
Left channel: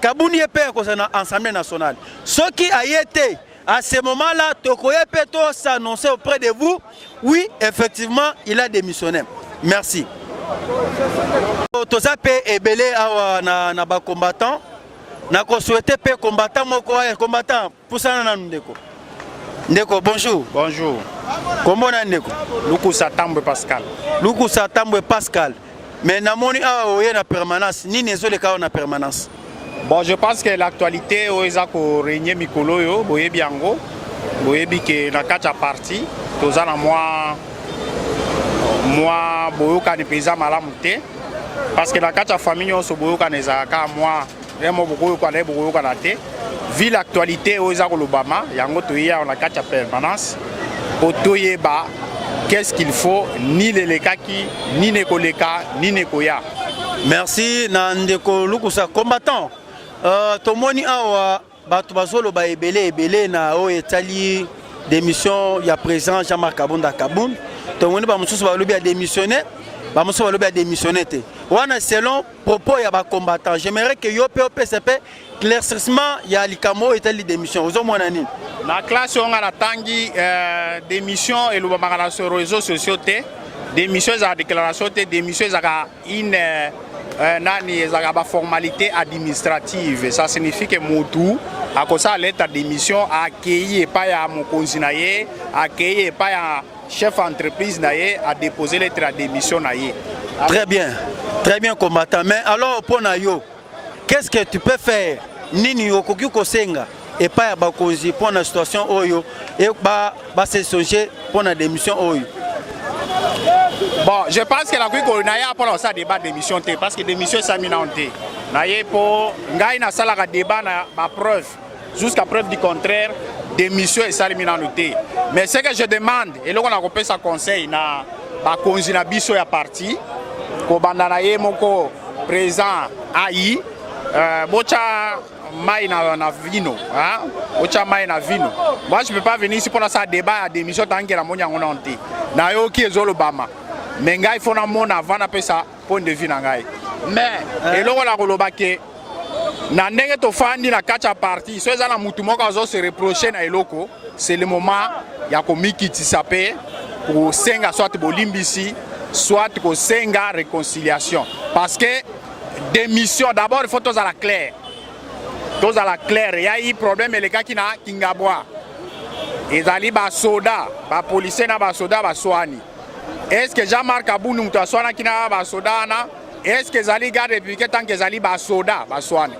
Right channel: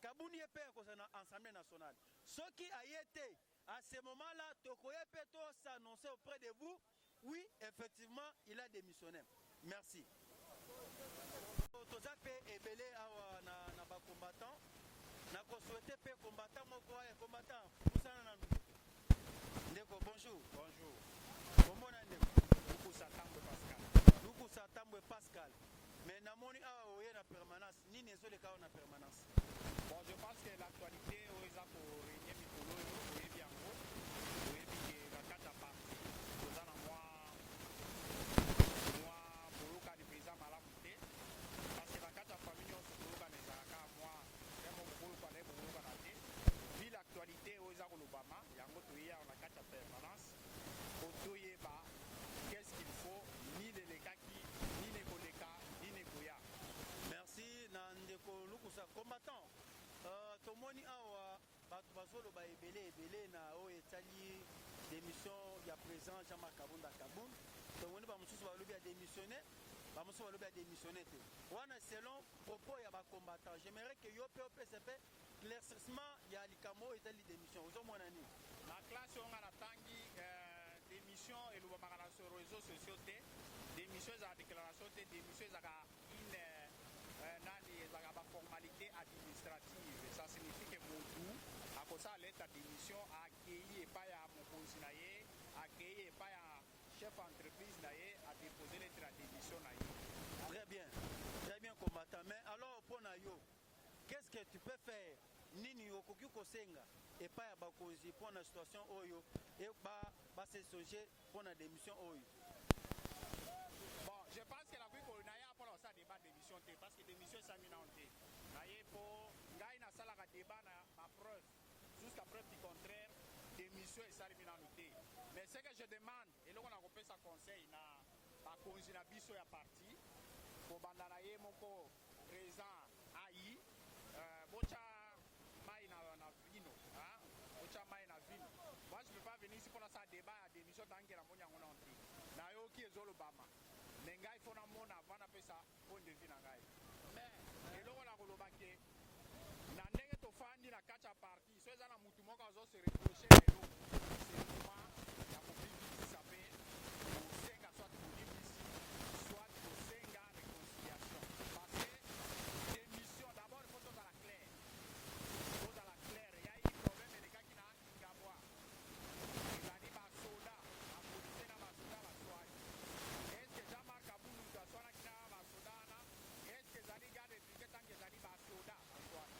Kabouni est payé à l'Assemblée nationale. Ce qui a été à ce moment-là, Tokoye Peto s'annoncer auprès de vous, oui, effectivement, il a démissionné. Merci. Toza pe ebele awa na ba combattant. Na ko souhaiter pe combattant moko combattant pour ça na ndeko. Ndeko bonjour. Bonjour. Comment on ndeko? Luku Satambwe Pascal. Luku Satambwe Pascal. Mais namoni awa oye na permanence, ni nezo le ka na permanence. Bon, je pense que l'actualité oeza ko régner mikolo yo, boye biango, boye bi ke na kacha parti, toza na moi boyo ka ni pesa malamu te parce que na kacha famille so boyo ka neza ka moi vraiment boyo ka na boyo ka na te. Vu l'actualité oeza ko lobama, yango toya na kacha permanence, otoyeba qu'est-ce qu'il faut, ni les lekaki, ni nekoleka, ni nekoya. Merci Nandeko Lukusa combattant. Tomoni awa batu bazolo ba ebele na o etali démission ya président Jean-Marc Kabunda Kaboun. Tomoni ba mususu ba lobi a démissionné, ba mususu ba lobi a démissionné te. Wana selon propos ya ba combattant, j'aimerais que yo PCP éclaircissement ya likamo etali démission. Ozo mona nini? La classe on a la tangi démission et le bamagana sur les réseaux sociaux te démission à déclaration te démission à une nani za formalité administrative. Ça signifie que Moutou a cause à lettre démission a accueilli pas ya mokonzi na ye, accueilli pas ya chef entreprise na ye a déposé lettre de démission na ye. Très bien combattant. Mais alors pour Nayo, qu'est-ce que tu peux faire? Nini yokoki kosenga et pas ya bakonzi pour la situation oyo et ba se songer pour la démission oyo. Bon, je pense que la Guy Naya pour ça débat d'émission parce que l'émission est saminante. Naye pour ngai na sala ka débat na ma preuve jusqu'à preuve du contraire d'émission est saminante. Mais ce que je demande et là on a repéré ça conseil na ba konzi na biso ya parti ko banda na ye moko président AI bocha mai na vino hein bocha mai na vino. Moi je peux pas venir ici pour ça débat à démission tant que la monia on onté. Na yo ki ezolo bama. Mais il faut na mona avant na pesa point de vue na ngai. Mais et là on a ke na ndenge to fandi na kacha parti so ezala mutu moko azo se reprocher na eloko, c'est le moment ya ko mikitisa pe pour senga soit bolimbisi soit ko senga réconciliation parce que démission d'abord il faut tous à la claire. Tous à la claire, il y a eu problème les gars qui na Kingabwa. Ezali ba soda, ba policier na ba soda ba soani. Est-ce que Jean-Marc Kabou nous t'assoana qui na ba soda na? Est-ce que Zali garde républicain tant que Zali ba soda ba soani?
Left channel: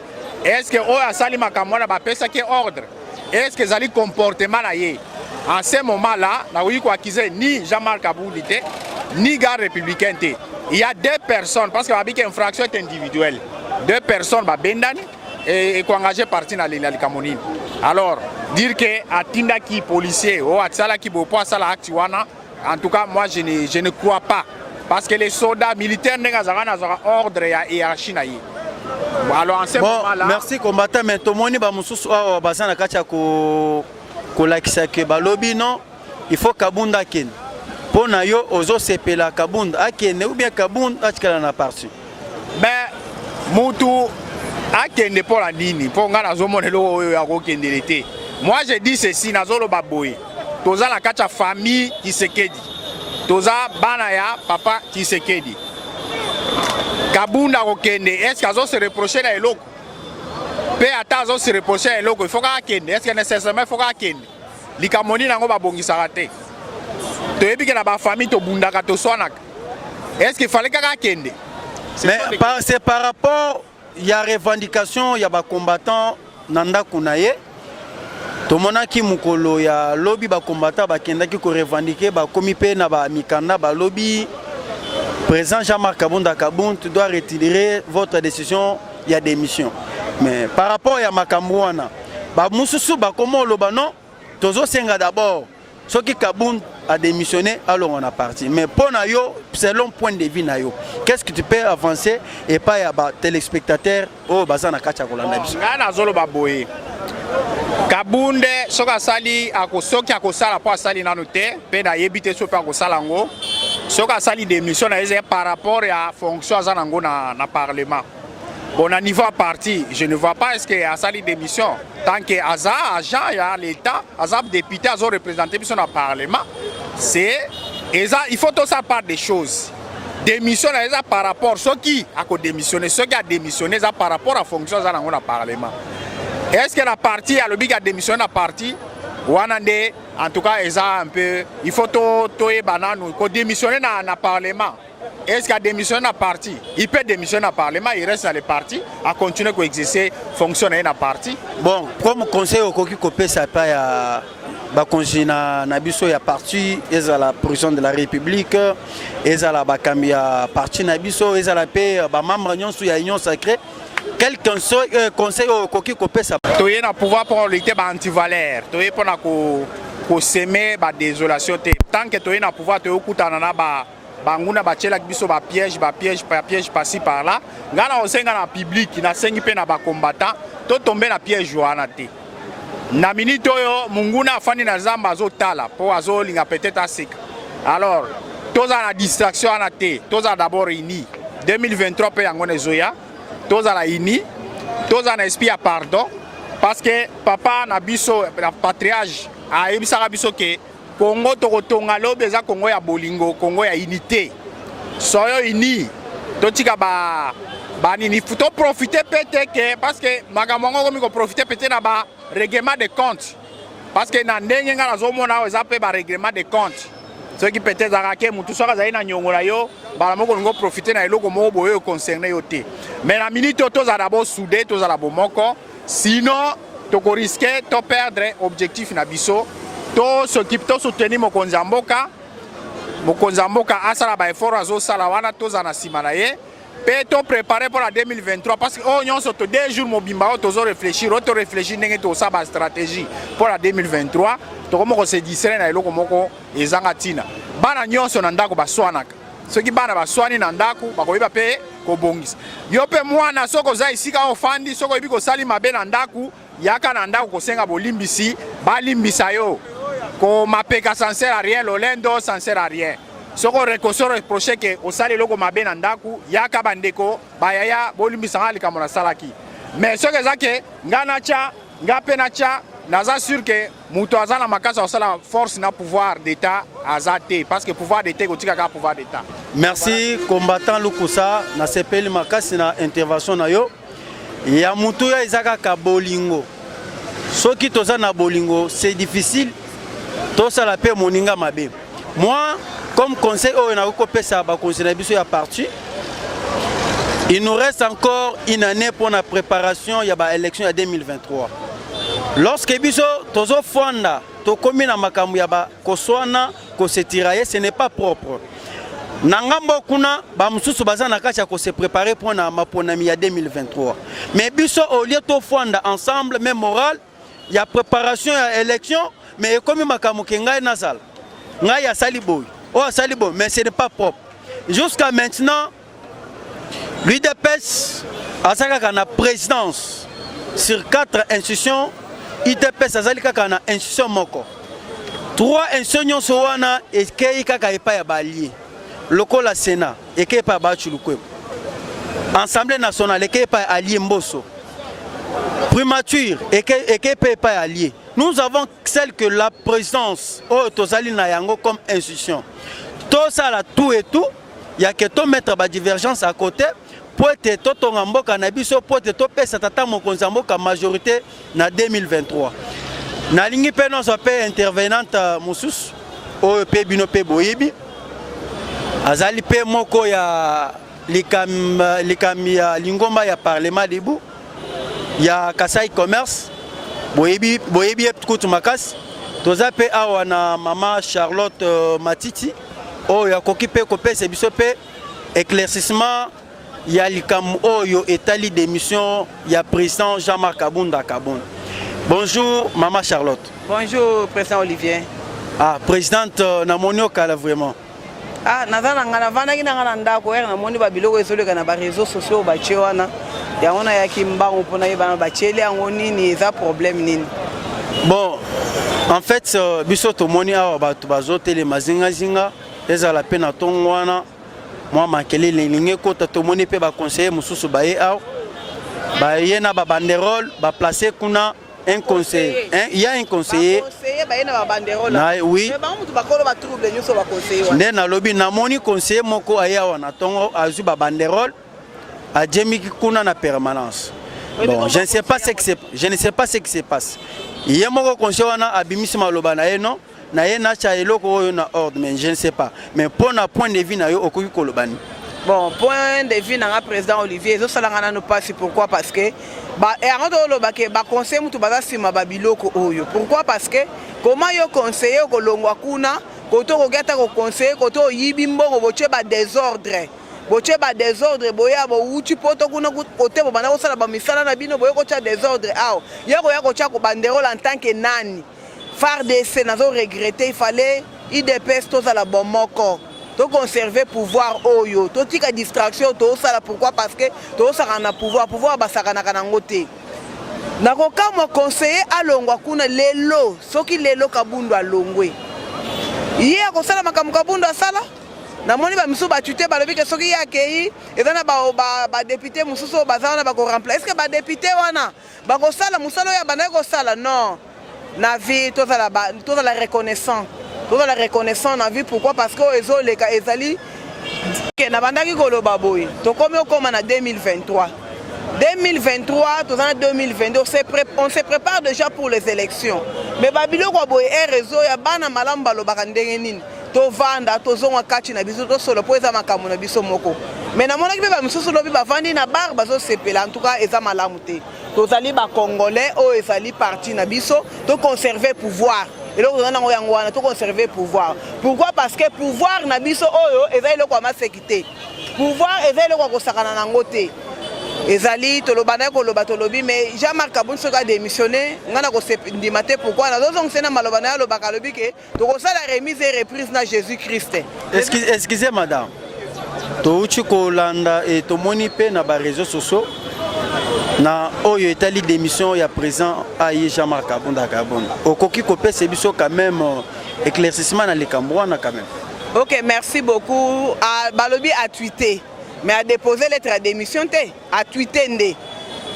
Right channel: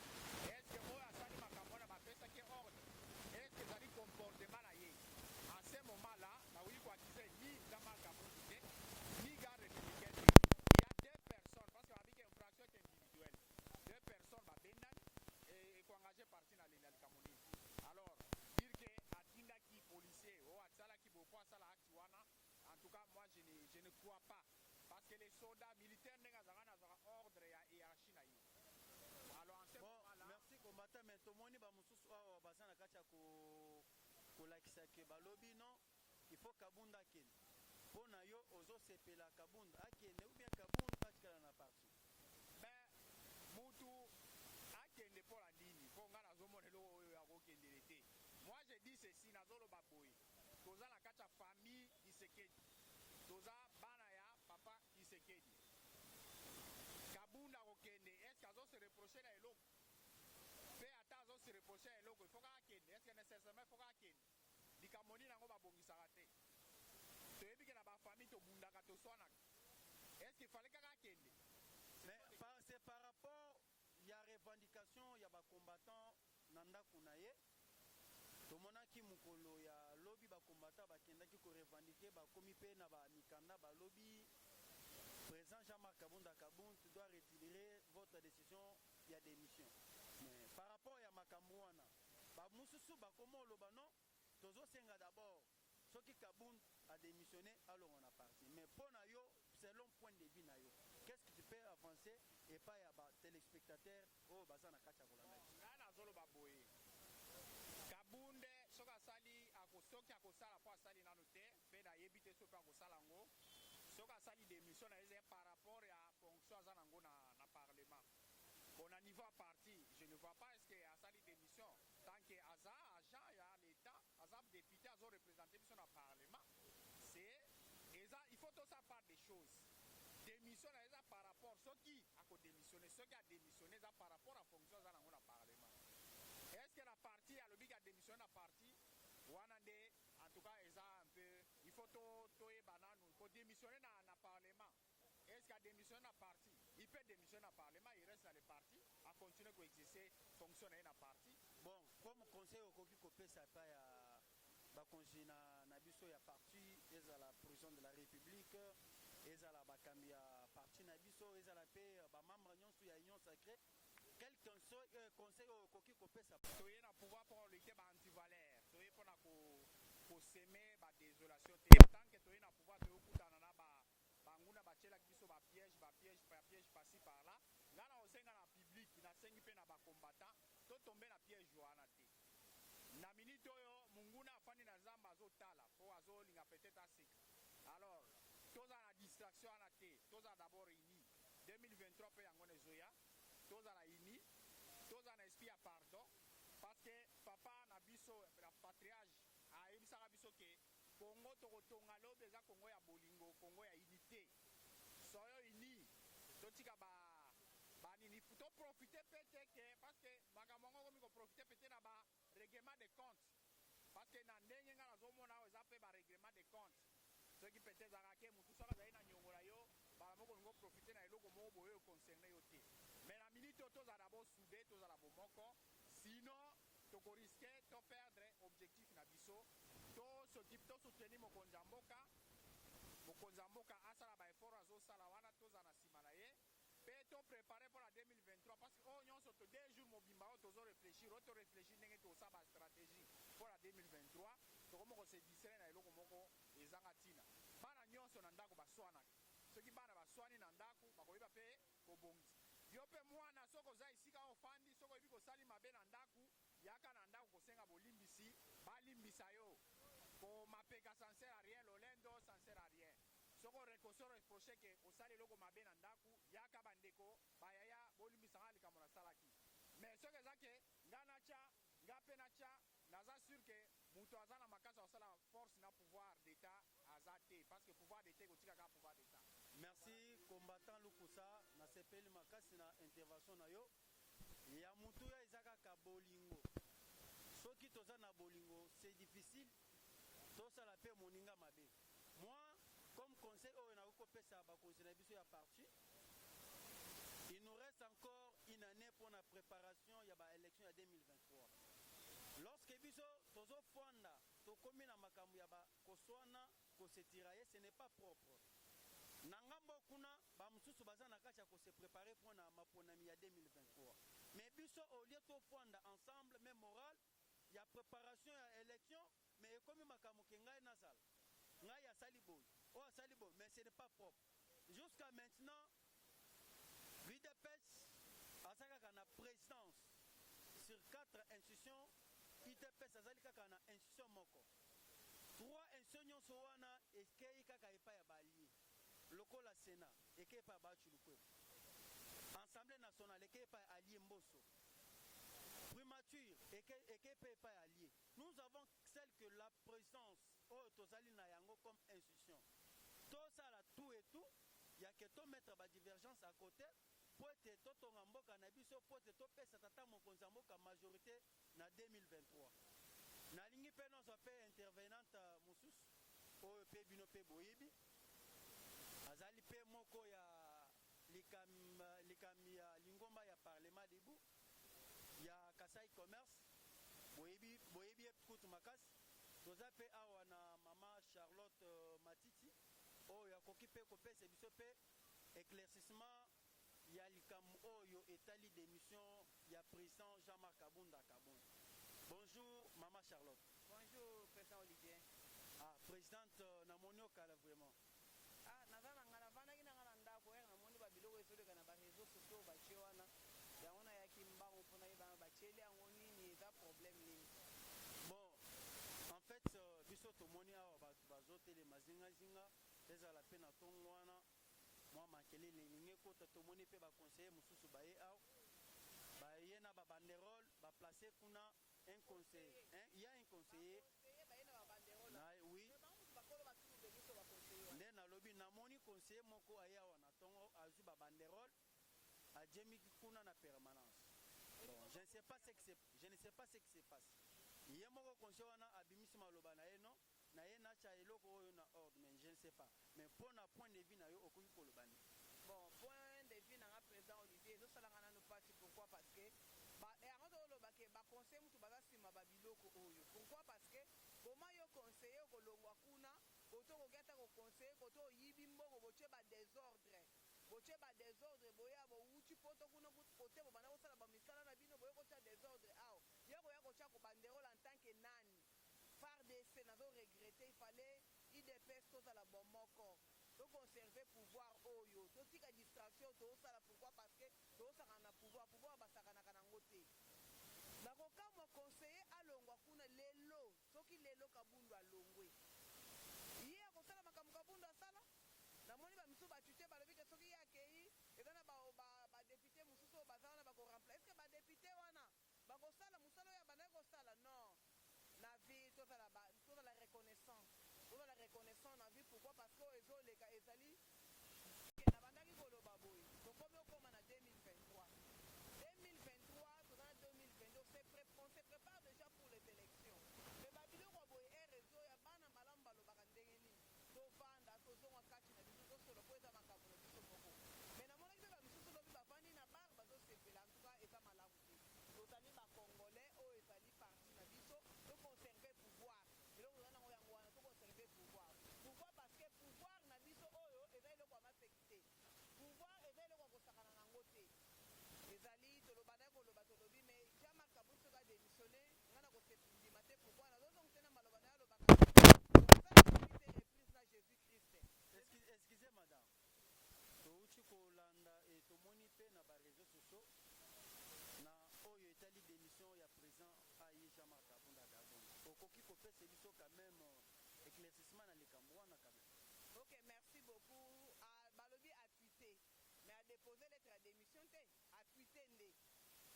est-ce que oyo asali makambo wana bapesaki ordre, est-ce que ezali comportement na ye? En ce moment là nakoki koaccuser ni Jean-Marc Aboudi te ni garde républicain te. Il y a deux personnes parce que babiki infraction est individuelle, deux personnes babendani et engagé parti na likamonini. Alors dire que atindaki policier ou atsalaki bopo asala acte wana, en tout cas moi je ne crois pas parce que les soldats militaires n'ont ordre et hiérarchie na ye. Alors en ce moment là merci combattant mais tomoni ba mususu awa bazana kacha ko lakisa ke balobi non il faut Kabunda ken pona yo ozo sepela Kabunda akene ou bien Kabunda atikala na parti mais mutu akende pour la nini pour nga nazomonelo oyo ya kokendele te. Moi je dis ceci nazolo baboye toza la kacha famille Tshisekedi toza bana ya papa Tshisekedi Kabunda kokende est-ce qu'azo se reprocher na eloko pe ata azo se reprocher na eloko il faut ka kende est-ce que nécessairement il faut ka kende likamoni nango babongisaka te toyebi ke na ba famille to bundaka to swanaka est-ce qu'il fallait ka kende? Mais c'est par rapport il y a revendication il y a ba combattant nanda kunaye to monaki mukolo ya lobby ba combattant ba kendaki ko revendiquer ba komi pe na ba mikanda ba lobby. Président Jean-Marc Kabunda Kaboun, tu dois retirer votre décision, il y a démission. Mais par rapport à Makambouana, Moussoussou, comment le non, Tozo Senga d'abord, ce qui Kaboun a démissionné, alors on a parti. Mais pour Nayo, selon point de vue Nayo, qu'est-ce que tu peux avancer et pas à téléspectateurs au Bazana Kachakolanda? Kabunde soka sali akosoki akosala po asali nanu te pe na yebite so pe akosala ngo soka sali démission na eze par rapport à fonction azanango na parlement. Bon à niveau parti, je ne vois pas est-ce que asali démission tant que aza agent ya l'état, aza député azo représenter biso na parlement, c'est il faut tout ça part des choses. Démission na eza par rapport ceux qui a démissionné, ceux qui a démissionné ça par rapport à fonction azanango na parlement. Est-ce que la partie a le big a démissionné la partie Wanande en tout cas ils a un peu il faut to banane ko démissionner na parlement. Est-ce qu'il a démissionné la partie? Il peut démissionner la parlement, il reste dans le parti à continuer à exercer fonctionner dans la partie. Bon, comme conseil au coquille copé ça pas ya ba conseil na biso ya parti ils à la président de la République ils à la bakambia parti na biso ils à la paix ba membre nyonso ya union sacrée. Quel conseil au coquille copé ça? Tu es na pouvoir pour lutter ba anti-valeur, tu es pour na ko semer ba désolation te. Tant que tu es na pouvoir tu okutana na ba banguna bachela biso ba piège par-ci par-là. Ngana osenga na public na sengi pe na ba combattant, to tomber na piège wana te. Na minute oyo munguna afani na zamba azotala po azolinga peut-être aseka. Alors, toza na distraction ana te, toza d'abord ini 2023 pe yango nezoya. Toza la ini, toza na esprit à pardon parce que papa na biso la patriarche a ebisaka biso ke Congo tokotonga lobe za Congo ya bolingo, Congo ya unité. Soyo ini, totika ba nini faut profiter peut-être que parce que magamongo komi ko profiter peut-être na ba règlement de compte. Parce que na ndenge nga nazomona oza pe ba règlement de compte. Ce qui peut-être arraquer mutu soka za ina nyongola yo, ba moko ngo profiter na eloko moko boyo concerné yo te. Mais la minute toza d'abord soudé, toza la bomoko, sinon toko risquer to perdre objectif na biso. To s'occupe to soutenir mokonzi mboka asala ba effort azo sala wana toza na sima na ye pe to préparer pour la 2023 parce que oh nyonso to 2 jours mobimba o tozo réfléchir ndenge to sa ba stratégie pour la 2023 to komoko se distraire na eloko moko ezanga tina bana nyonso na ndako baswanaka soki bana baswani na ndako bakoyeba pe kobongisa yo pe mwana soko za isika ofandi soko yebi ko sali mabe na ndako yaka na ndako kosenga bolimbisi balimbisa yo ko mapeka sans sert à rien lolendo sans sert à rien soko reprocher que au sali loko mabe na ndaku yaka bandeko bayaya bolimbisa ngali kamona salaki mais ce que ça que ngana cha ngapena cha naza sûr que muto azana makasa osala force na pouvoir d'état azate parce que pouvoir d'état kotika ka pouvoir d'état. Merci combattant Lukusa na sepeli makasi na intervention na yo ya muto ya izaka ka bolingo soki toza na bolingo c'est difficile. Tout ça la paix moninga mabe. Moi, comme conseil, on a recoupé ça, conseil na biso ya parti. Il nous reste encore une année pour la préparation de l'élection 2023. Lorsque biso tozo fonda to komi na makambu ya ba koswana ko se tirailler, ce n'est pas propre. Nangambo kuna ba mususu bazana kacha ko se préparer pour na maponami ya 2023. Mais biso au lieu to fonda ensemble même moral, il y a préparation à l'élection, mais comme makambu ke ngai na sala. Ngai ya saliboy. Oh saliboy, mais ce n'est pas propre. Jusqu'à maintenant, l'UDPS a sa présidence sur 4 institutions. IDPS azali kaka na institution moko. 3 institutions sowana ekei kaka epa ya balié. Lokola Sénat ekei pa ba chulukwe. Assemblée nationale ekei pa allié Mboso. Primature ekei pa allié. Nous avons celle que la présidence o tozali na yango comme institution. Tout ça là tout et tout, il y a que to mettre ba divergence à côté. Pour être tout en mboka na biso pour être tout pesa tata mokonza mboka majorité na 2023. Na lingi pe non so pe intervenante musus o pe bino pe boyibi. Azali pe moko ya likami ya lingomba ya parlement debu. Ya Kasai commerce boyibi kutu makas. Toza pe awa na mama Charlotte Matiti o ya koki pe ko pe se biso pe éclaircissement. Il y a l'ICAM Oyo Etali d'émission, il y a président Jean-Marc Kabunda Kabon. Bonjour Maman Charlotte. Bonjour président Olivier. Ah, présidente Namonio Kala vraiment. Ah, nazana ngana vana kina ngana ndako na moni ba biloko ezoleka na ba réseaux sociaux ba chewana. Ya ona ya kimbango pona yeba ba chele yango nini eza problème nini. Bon, en fait biso to moni awa ba to bazotele mazinga zinga eza la peine tongwana. Moi makele linge kota to moni pe ba conseiller mususu ba ye aw ba yena ba banderole ba placer kuna un conseiller. Il y a un conseiller. Conseiller ba yena ba banderole. Oui. Mais ba mutu ba kolo ba trouble nyuso ba conseiller. Nde na lobi na moni conseiller moko aya wana tongo azu ba banderole a djemi kuna na permanence. Bon, je ne sais pas ce qui se passe. Il y a moko conseiller wana abimisi maloba na ye non. Na ye na cha eloko oyo na ordre, mais je ne sais pas. Mais pour un point de vue na yo okoki kolobani. Bon, point de vue na président Olivier, zo salanga na pas pourquoi parce que ba e ango lo ba ke ba conseil mutu ba sima ba biloko oyo. Pourquoi parce que comment yo conseiller ko longwa kuna koto ko gata ko conseiller koto yibi mbongo boche ba désordre. Boche ba désordre boya bo uchi poto kuna kote bo bana ko sala ba misala na bino boye ko cha désordre aw. Yako yako cha ko banderole en tant que nani. FARDC n'a pas regretté, il fallait IDPS tous à la bonne moko. To conserver pouvoir oyo. To tika distraction to ça pourquoi parce que to ça na pouvoir basakana kana ngote. Na ko kama conseiller alongwa kuna lelo, soki lelo kabundu alongwe. Yé ko sala makamu kabundu asala. Na moni ba misu ba tuté ba lobi ke soki yakei ezana ba député mususu bazana ba ko remplacer. Est-ce que ba député wana ba ko sala musalo ya bana ko sala non. Na vie toute la reconnaissance na vie pourquoi parce que les cas ezali que na bandaki koloba boy to comme na 2023 tous en 2022 on se prépare déjà pour les élections mais babilo kwa boy réseau ya bana malamba lo bakandenge nini to vanda to zonga kati na biso to solo po eza makamu na biso moko mais na mona ki ba misusu lobi ba vandi na bar bazo sepela en tout cas eza malamu te tozali ba congolais o ezali parti na biso to conserver pouvoir et là on a yango wana to conserver pouvoir pourquoi parce que pouvoir na biso oyo ezali lokwa masekité pouvoir ezali lokwa ko sakana na ngote ezali tolobana ko loba tolobi mais Jean-Marc Kabunda soka démissionné ngana ko sepindimate pourquoi na zozong sena malobana ya lobaka lobi ke to ko sala remise et reprise na Jésus-Christ. Excusez madame. Touchi kolanda et tomoni pe na ba réseaux sociaux na oyo etali démission ya présent aye Jean-Marc Kabunda Kabunda. Okoki kopé c'est biso quand même éclaircissement na lekambwana quand même. OK, merci beaucoup. Balobi a tweeté mais a déposé lettre à démission a tweeté ndé.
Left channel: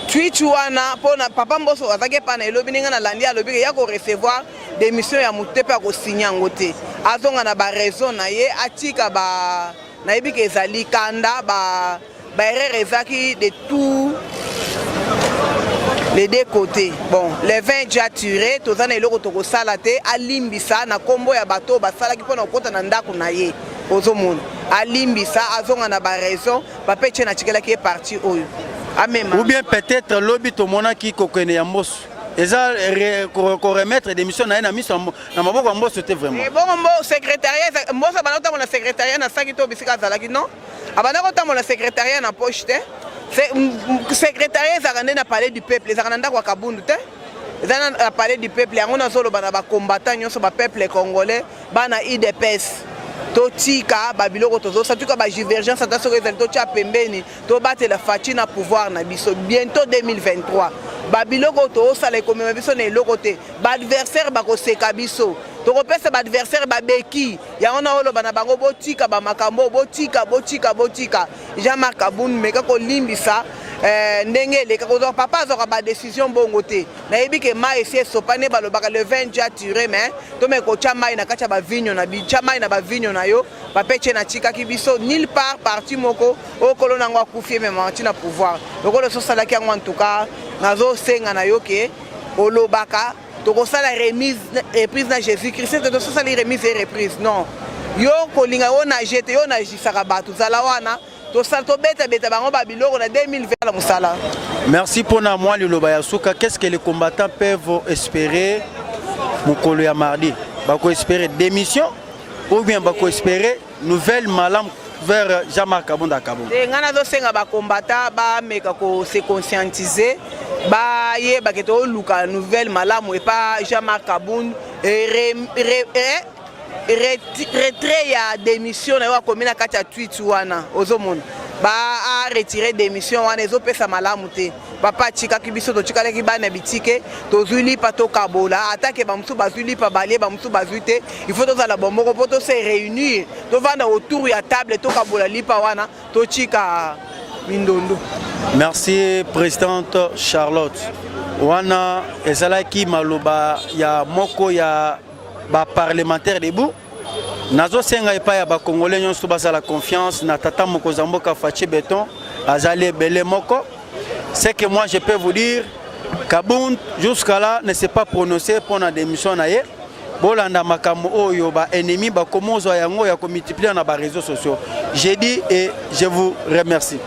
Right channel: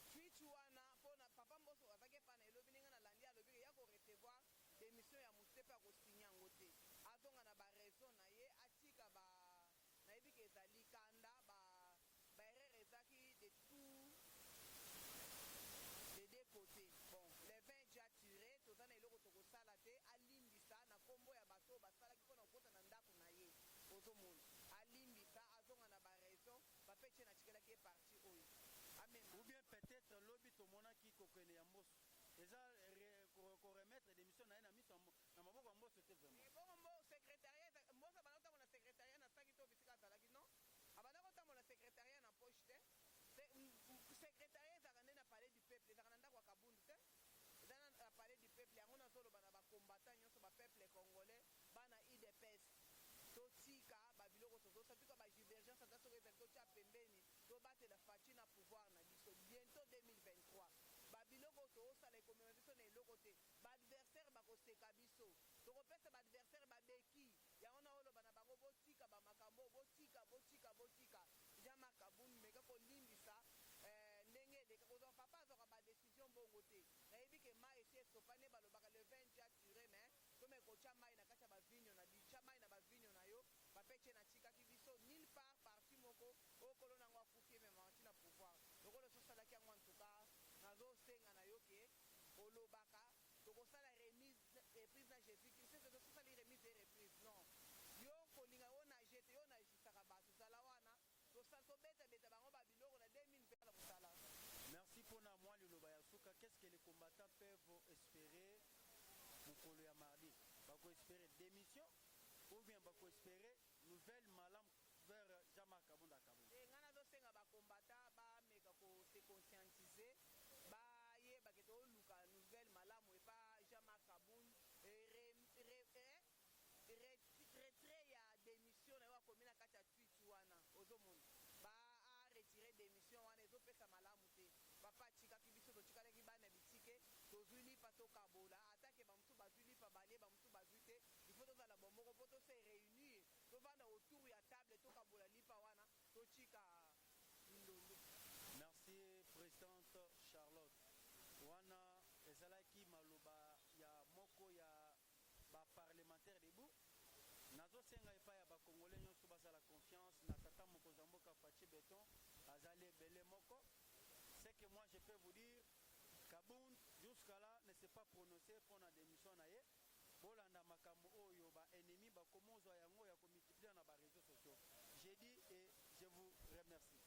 Tweet wana pona papa mboso azake pana elobi ninga na landi alobi ya ko recevoir démission ya mutepe ko signer ngote. Azonga na ba raison na ye atika ba na yebike ezali kanda ba erreur ezaki de tout les deux côtés. Bon, les 20 déjà tirés, tous les gens qui ont salate, à limbisa, na combo ya bateau, basala qui pona kota na ndako na ye, ozo monde. alimbisa azonga na ba raison ba peche na tikela ki parti oyo amema ou bien peut-être lobby to mona ki kokene ya mboso eza ko remettre des missions na miso na maboko mboso c'était vraiment bon mbo secrétariat mboso banota mon secrétariat na saki to bisika zalaki non abana ko tamona secrétariat na poche te secrétariat zakande na palais du peuple zakanda kwa kabundu te zana palais du peuple yango na solo bana ba combattant nyonso ba peuple congolais bana IDPS totika babiloko tozo satuka ba divergence ata soko ezali totia pembeni to batela faci na pouvoir na biso bientôt 2023 babiloko to osala ekomema biso na eloko te ba adversaire bakoseka biso tokopesa ba adversaire babeki yango na oloba na bango botika ba makambo botika Jean-Marc Kabound meka kolimbisa ndenge eleka kozwa papa azwaka ba décision bongo te nayebi ke mai esi esopane balobaka le 20 ja tiré mais tome kotia mai na kati ya bavinyo na bitia mai na bavinyo na yo bapeche na tikaki biso nulle part parti moko okolo nango akufie mema mati na pouvoir lokolo sosalaki yango en tout cas nazosenga na yo ke olobaka tokosala reprise na Jésus-Christ te tosala remise et reprise non yo kolinga yo na jete yo na jisaka bato zala wana merci pour moi le Lobayasuka. Qu'est-ce que les combattants peuvent espérer Mokolo ya mardi? Bako espérer démission ou bien bako espérer nouvelle malam vers Jean-Marc Kabound à Kabound? Ngana zo senga ba combattants ba meka ko se conscientiser ba ye ba keto luka nouvelle malam et pas Jean-Marc Kabound retrait ya démission na yo komina kati ya tweet wana ozomona ba a retirer démission wana ezopesa malamu te papa tikaki biso to tikalaki bana bitike tozuli pa to kabola atake ba musu bazuli pa balie ba musu bazuite il faut tozala bomboko po to se réunir to vanda autour ya table to kabola lipa wana to tika mindondo. Merci présidente Charlotte wana ezalaki maloba ya moko ya ba parlementaire debout nazo senga epa ya ba congolais nyonso basala confiance na tata moko zamboka Faci Béton azali belé moko. C'est que moi je peux vous dire Kabound jusqu'à là ne s'est pas prononcé pour la démission na ye bolanda makambo oyo ba ennemi ba komozo yango ya ko multiplier na ba réseaux sociaux. J'ai dit et je vous remercie.